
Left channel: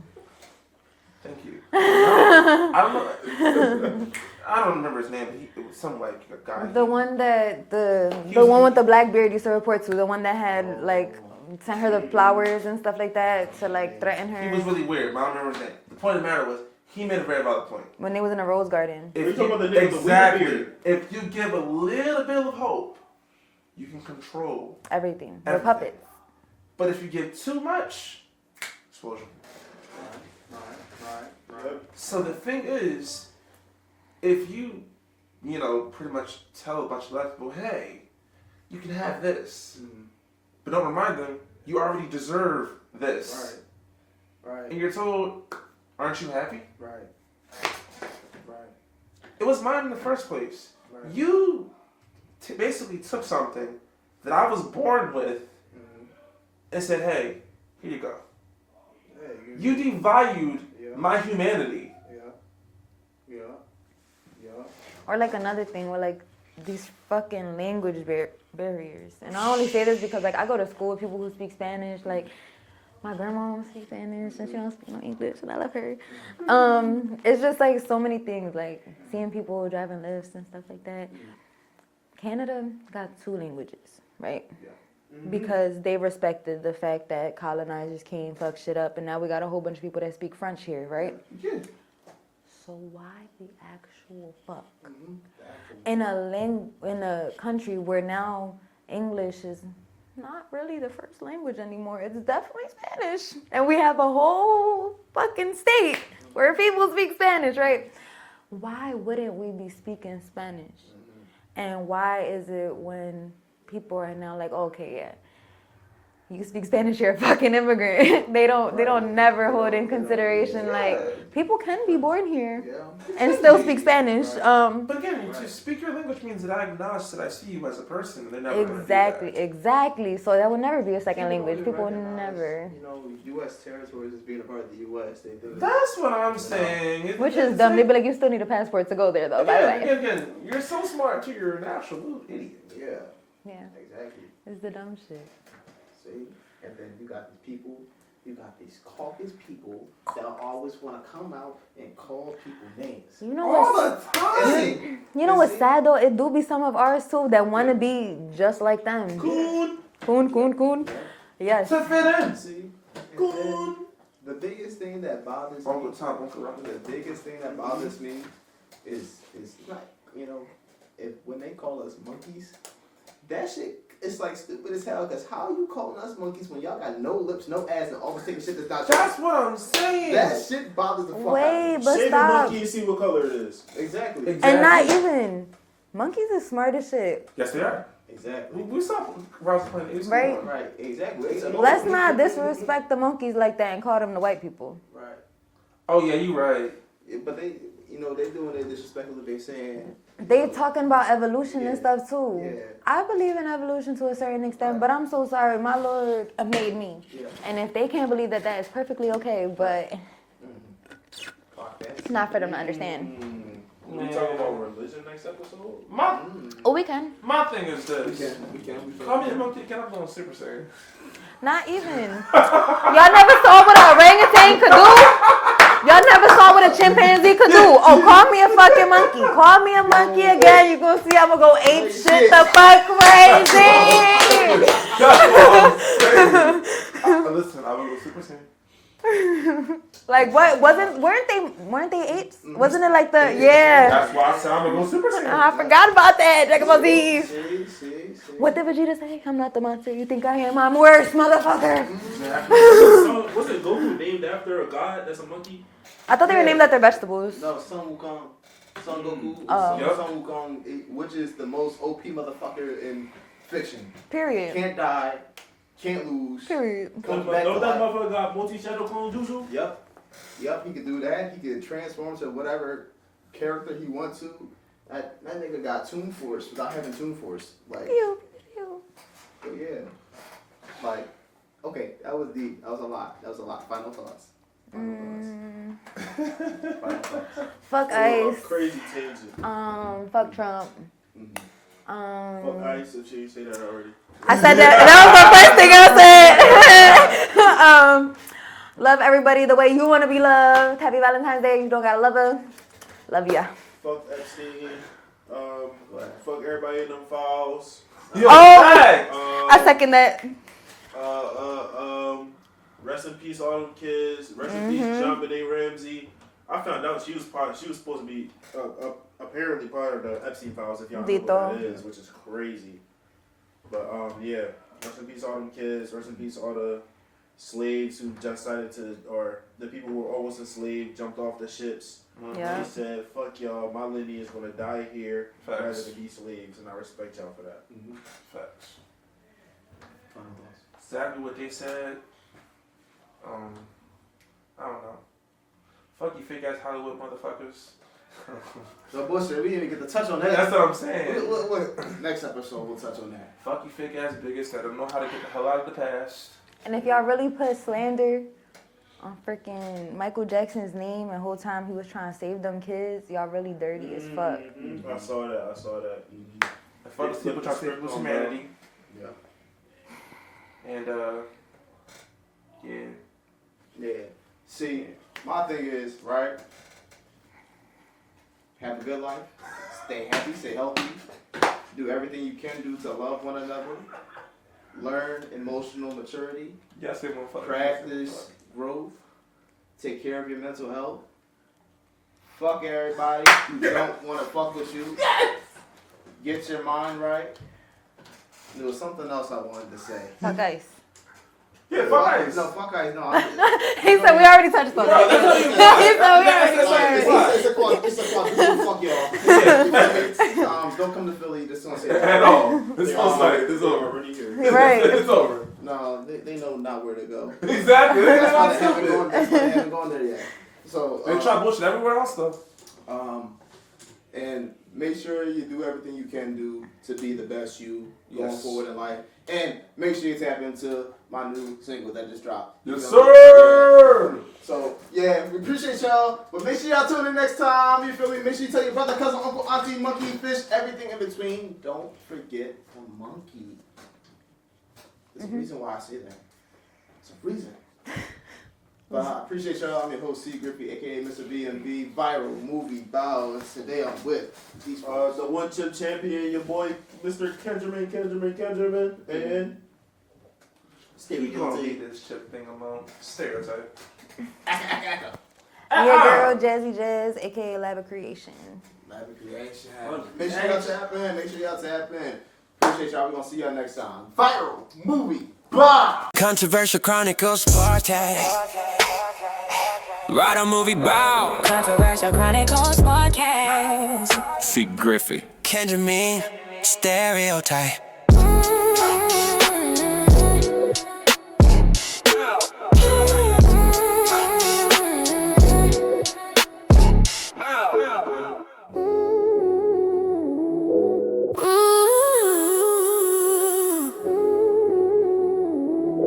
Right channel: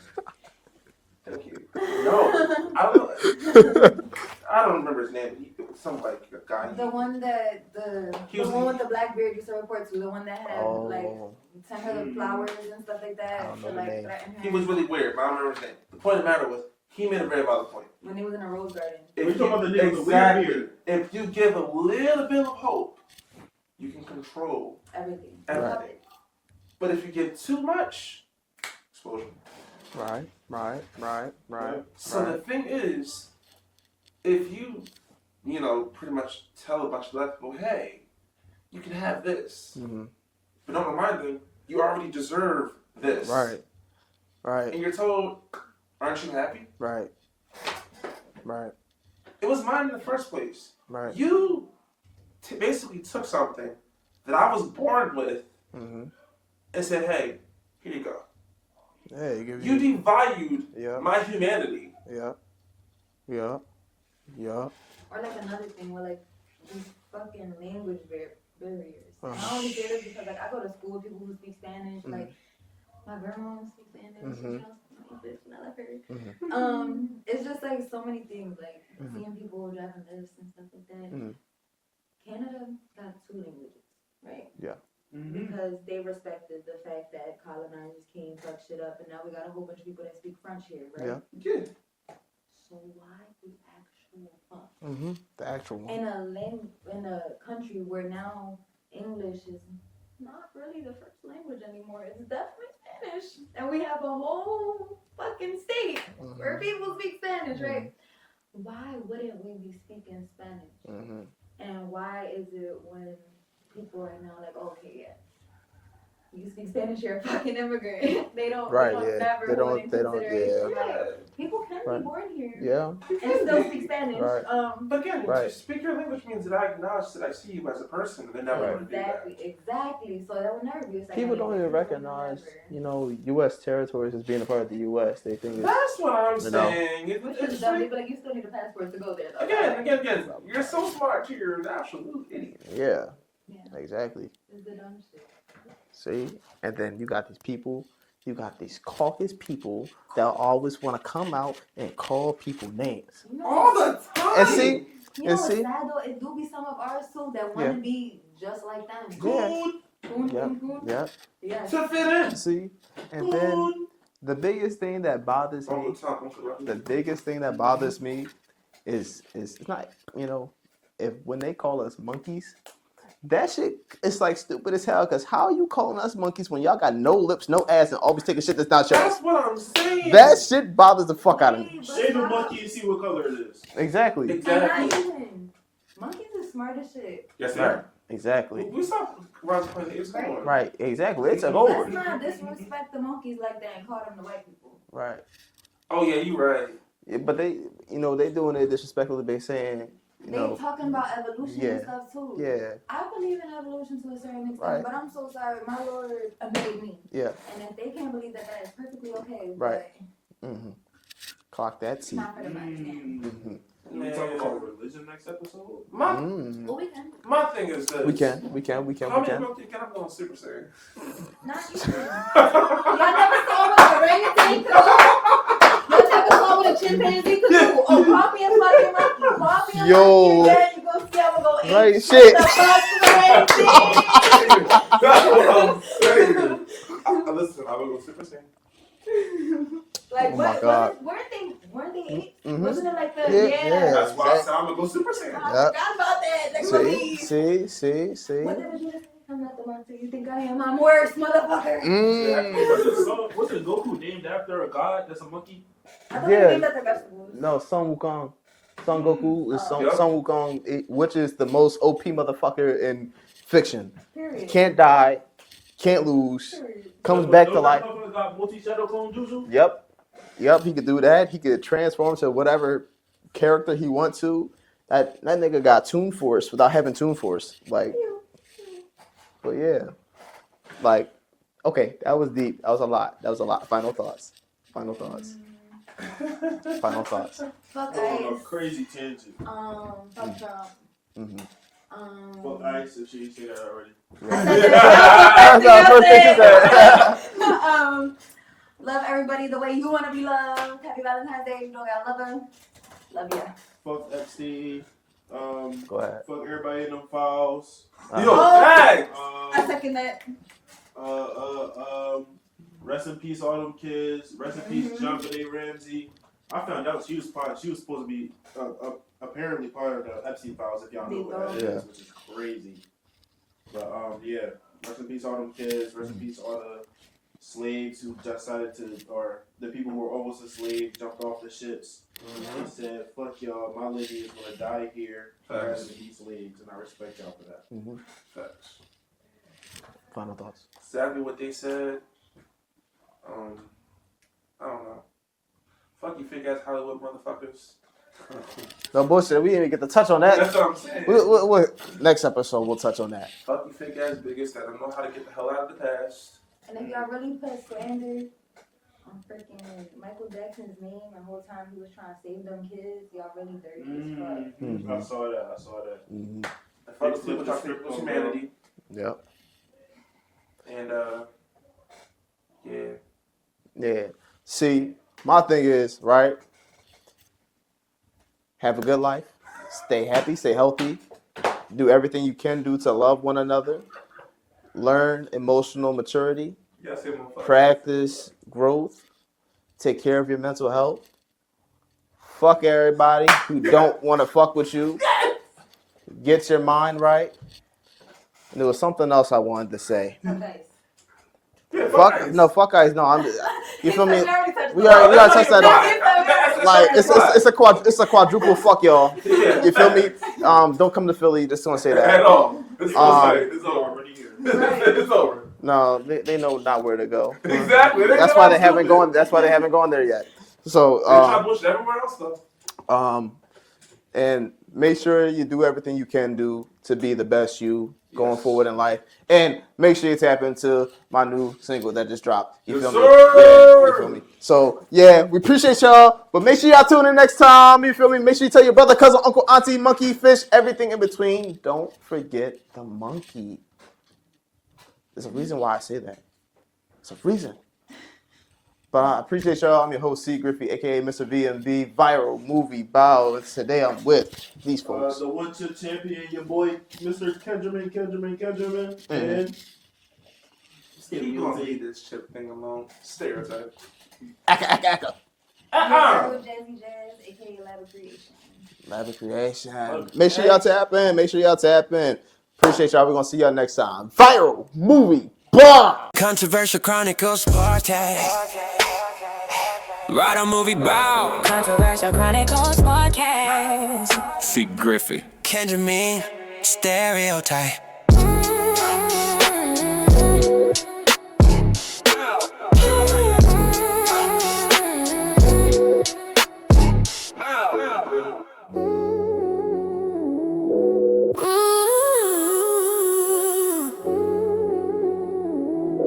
Thank you. No, I don't know. I don't remember his name, but it was some like a guy. The one that the one with the black beard used to report to, the one that had like sent her the flowers and stuff like that to like threaten her. He was really weird, but I don't remember his name. The point of the matter was, he made a very valid point. When they was in a rose garden. We're talking about the nigga with the weird beard. If you give a little bit of hope, you can control Everything. The everything. puppets. But if you give too much, explosion. Right. So the thing is, if you pretty much tell a bunch of black people, hey, you can have this, but don't remind them, you already deserve this. Right. And you're told, aren't you happy? Right. It was mine in the first place. Right. You basically took something that I was born with and said, hey, here you go. You devalued my humanity. Yeah. Or like another thing where like these fucking language barriers. And I only say this because like I go to school with people who speak Spanish. Like my grandma speaks Spanish and she don't speak no English, and I love her. It's just like so many things, like seeing people driving lifts and stuff like that. Canada got 2 languages, right? Yeah. Because they respected the fact that colonizers came, fuck shit up, and now we got a whole bunch of people that speak French here, right? Yeah. So why the actual fuck? The actual. In a country where now English is not really the first language anymore. It's definitely Spanish. And we have a whole fucking state where people speak Spanish, right? Why wouldn't we be speaking Spanish? And why is it when people are now like, okay, yeah, you speak Spanish, you're a fucking immigrant. they don't never hold in consideration like people can be born here and still speak Spanish. But again, to speak your language means that I acknowledge that I see you as a person. Exactly. So that will never be a second language. People will never. You know, U.S. territories as being a part of the U.S. They think that's what I'm saying. Which is dumb. They'd be like, you still need a passport to go there, though. Again, you're so smart too. You're an absolute idiot. Yeah. Yeah. Exactly. It's the dumb shit. See? And then you got these people, you got these caucus people that always want to come out and call people names. You know what? And see? You know what's sad though? It do be some of ours too that want to be just like them. Coon. Yeah. Yes. To fit in. See? And then the biggest thing that bothers me, is it's not, you know, when they call us monkeys, that shit is like stupid as hell. Cause how are you calling us monkeys when y'all got no lips, no ass, and always taking shit that's not yours? That's what I'm saying. That shit bothers the fuck out of me. Shave the monkey and see what color it is. Exactly. And not even monkeys are smart as shit. Yes, they are. Exactly. We saw Right. Exactly. Let's not disrespect the monkeys like that and call them the white people. Right. Oh yeah, you right. Yeah, but they doing it disrespectfully. They saying. They talking about evolution and stuff too. Yeah. I believe in evolution to a certain extent, but I'm so sorry. My Lord made me. Yeah. And if they can't believe that is perfectly okay, but Clock that. it's not for them to understand. We talking about religion next episode? Oh, we can. My thing is this. We can. Call me a monkey. Can I play on Super Saiyan? Not even. Y'all never saw what an orangutan could do? Y'all never saw what a chimpanzee could do? Oh, call me a fucking monkey. Call me a monkey again. You gonna see I'm gonna go ape shit the fuck crazy. Listen, I will go Super Saiyan. Like what? Weren't they apes? Wasn't it like the That's why I said I'm gonna go Super Saiyan. I forgot about that. Dragon Ball Z. See. What did Vegeta say? I'm not the monster you think I am. I'm worse, motherfucker. What's it, Goku named after a god that's a monkey? I thought they were named after vegetables. No, Son Wukong. Son Goku is Son Wukong, which is the most OP motherfucker in fiction. Period. Can't die, can't lose. Period. Comes back to that life. motherfucker got multi-shadow clone jutsu? Yep, he could do that. He could transform to whatever character he wants to. That nigga got Toon Force without having Toon Force. Like, but yeah. Like, okay, that was deep. That was a lot. Final thoughts. Final thoughts. Fuck ICE. Crazy tangent. Fuck Trump. Fuck ICE if she ain't say that already. I said that. That was the first thing I said. Love everybody the way you want to be loved. Happy Valentine's Day. You don't gotta love her. Love ya. Fuck Epstein. Go ahead. Fuck everybody in them files. I second that. Rest in peace, all them kids. Rest in peace, John Benet Ramsey. I found out she was supposed to be apparently part of the Epstein files. If y'all know what that is, which is crazy. But yeah, rest in peace, all them kids. Rest in peace, all the slaves who just decided to, or the people who were almost enslaved, jumped off the ships. They said, "Fuck y'all, my lady is gonna die here rather than be slaves," and I respect y'all for that. Facts. Final thoughts. Exactly what they said. I don't know. Fuck you fake ass Hollywood motherfuckers. No bullshit. We didn't even get to touch on that. That's what I'm saying. Next episode, we'll touch on that. Fuck you fake ass bigots that don't know how to get the hell out of the past. And if y'all really put slander freaking Michael Jackson's name and the whole time he was trying to save them kids. Y'all really dirty as fuck. I saw that. I fell asleep with our spiritual humanity. Yeah. And Yeah. See, my thing is, right? Have a good life. Stay happy, stay healthy. Do everything you can do to love one another. Learn emotional maturity. yes, it won't fuck. Practice growth. Take care of your mental health. Fuck everybody who don't want to fuck with you. Get your mind right. And there was something else I wanted to say. Fuck ice. Yeah, fuck ice. Fuck ice. No, He said we already touched we that. already touched that. He said we already Like it's a quadruple fuck y'all. You feel me? Don't come to Philly. Just want to say that. At all. It's over. Right. It's over. No, they know not where to go. Exactly. That's why they haven't gone. That's why they haven't gone there yet. So They try to bullshit everywhere else though. and make sure you do everything you can do to be the best you going forward in life. And make sure you tap into my new single that just dropped. You Yes, feel me? sir. You feel me? So yeah, we appreciate y'all. But make sure y'all tune in next time. You feel me? Make sure you tell your brother, cousin, uncle, auntie, monkey, fish, everything in between. Don't forget the monkey. There's a reason why I say that. It's a reason. But I appreciate y'all. I'm your host, C Griffey, aka Mr. BMB, viral movie bow. And today I'm with these folks. The one-chip champion, your boy, Mr. Kenjermiin, and You gonna leave this chip thing alone. Stereotype. Aka. Your girl, Jazzy Jazz, aka Lab of Creation. Lab of Creation. Make sure y'all tap in. Appreciate y'all. We're going to see y'all next time. Viral movie bow. Controversial Chronicles podcast. Write a movie bow. Controversial Chronicles podcast. C Griffey. Kenjermiin. Stereotype.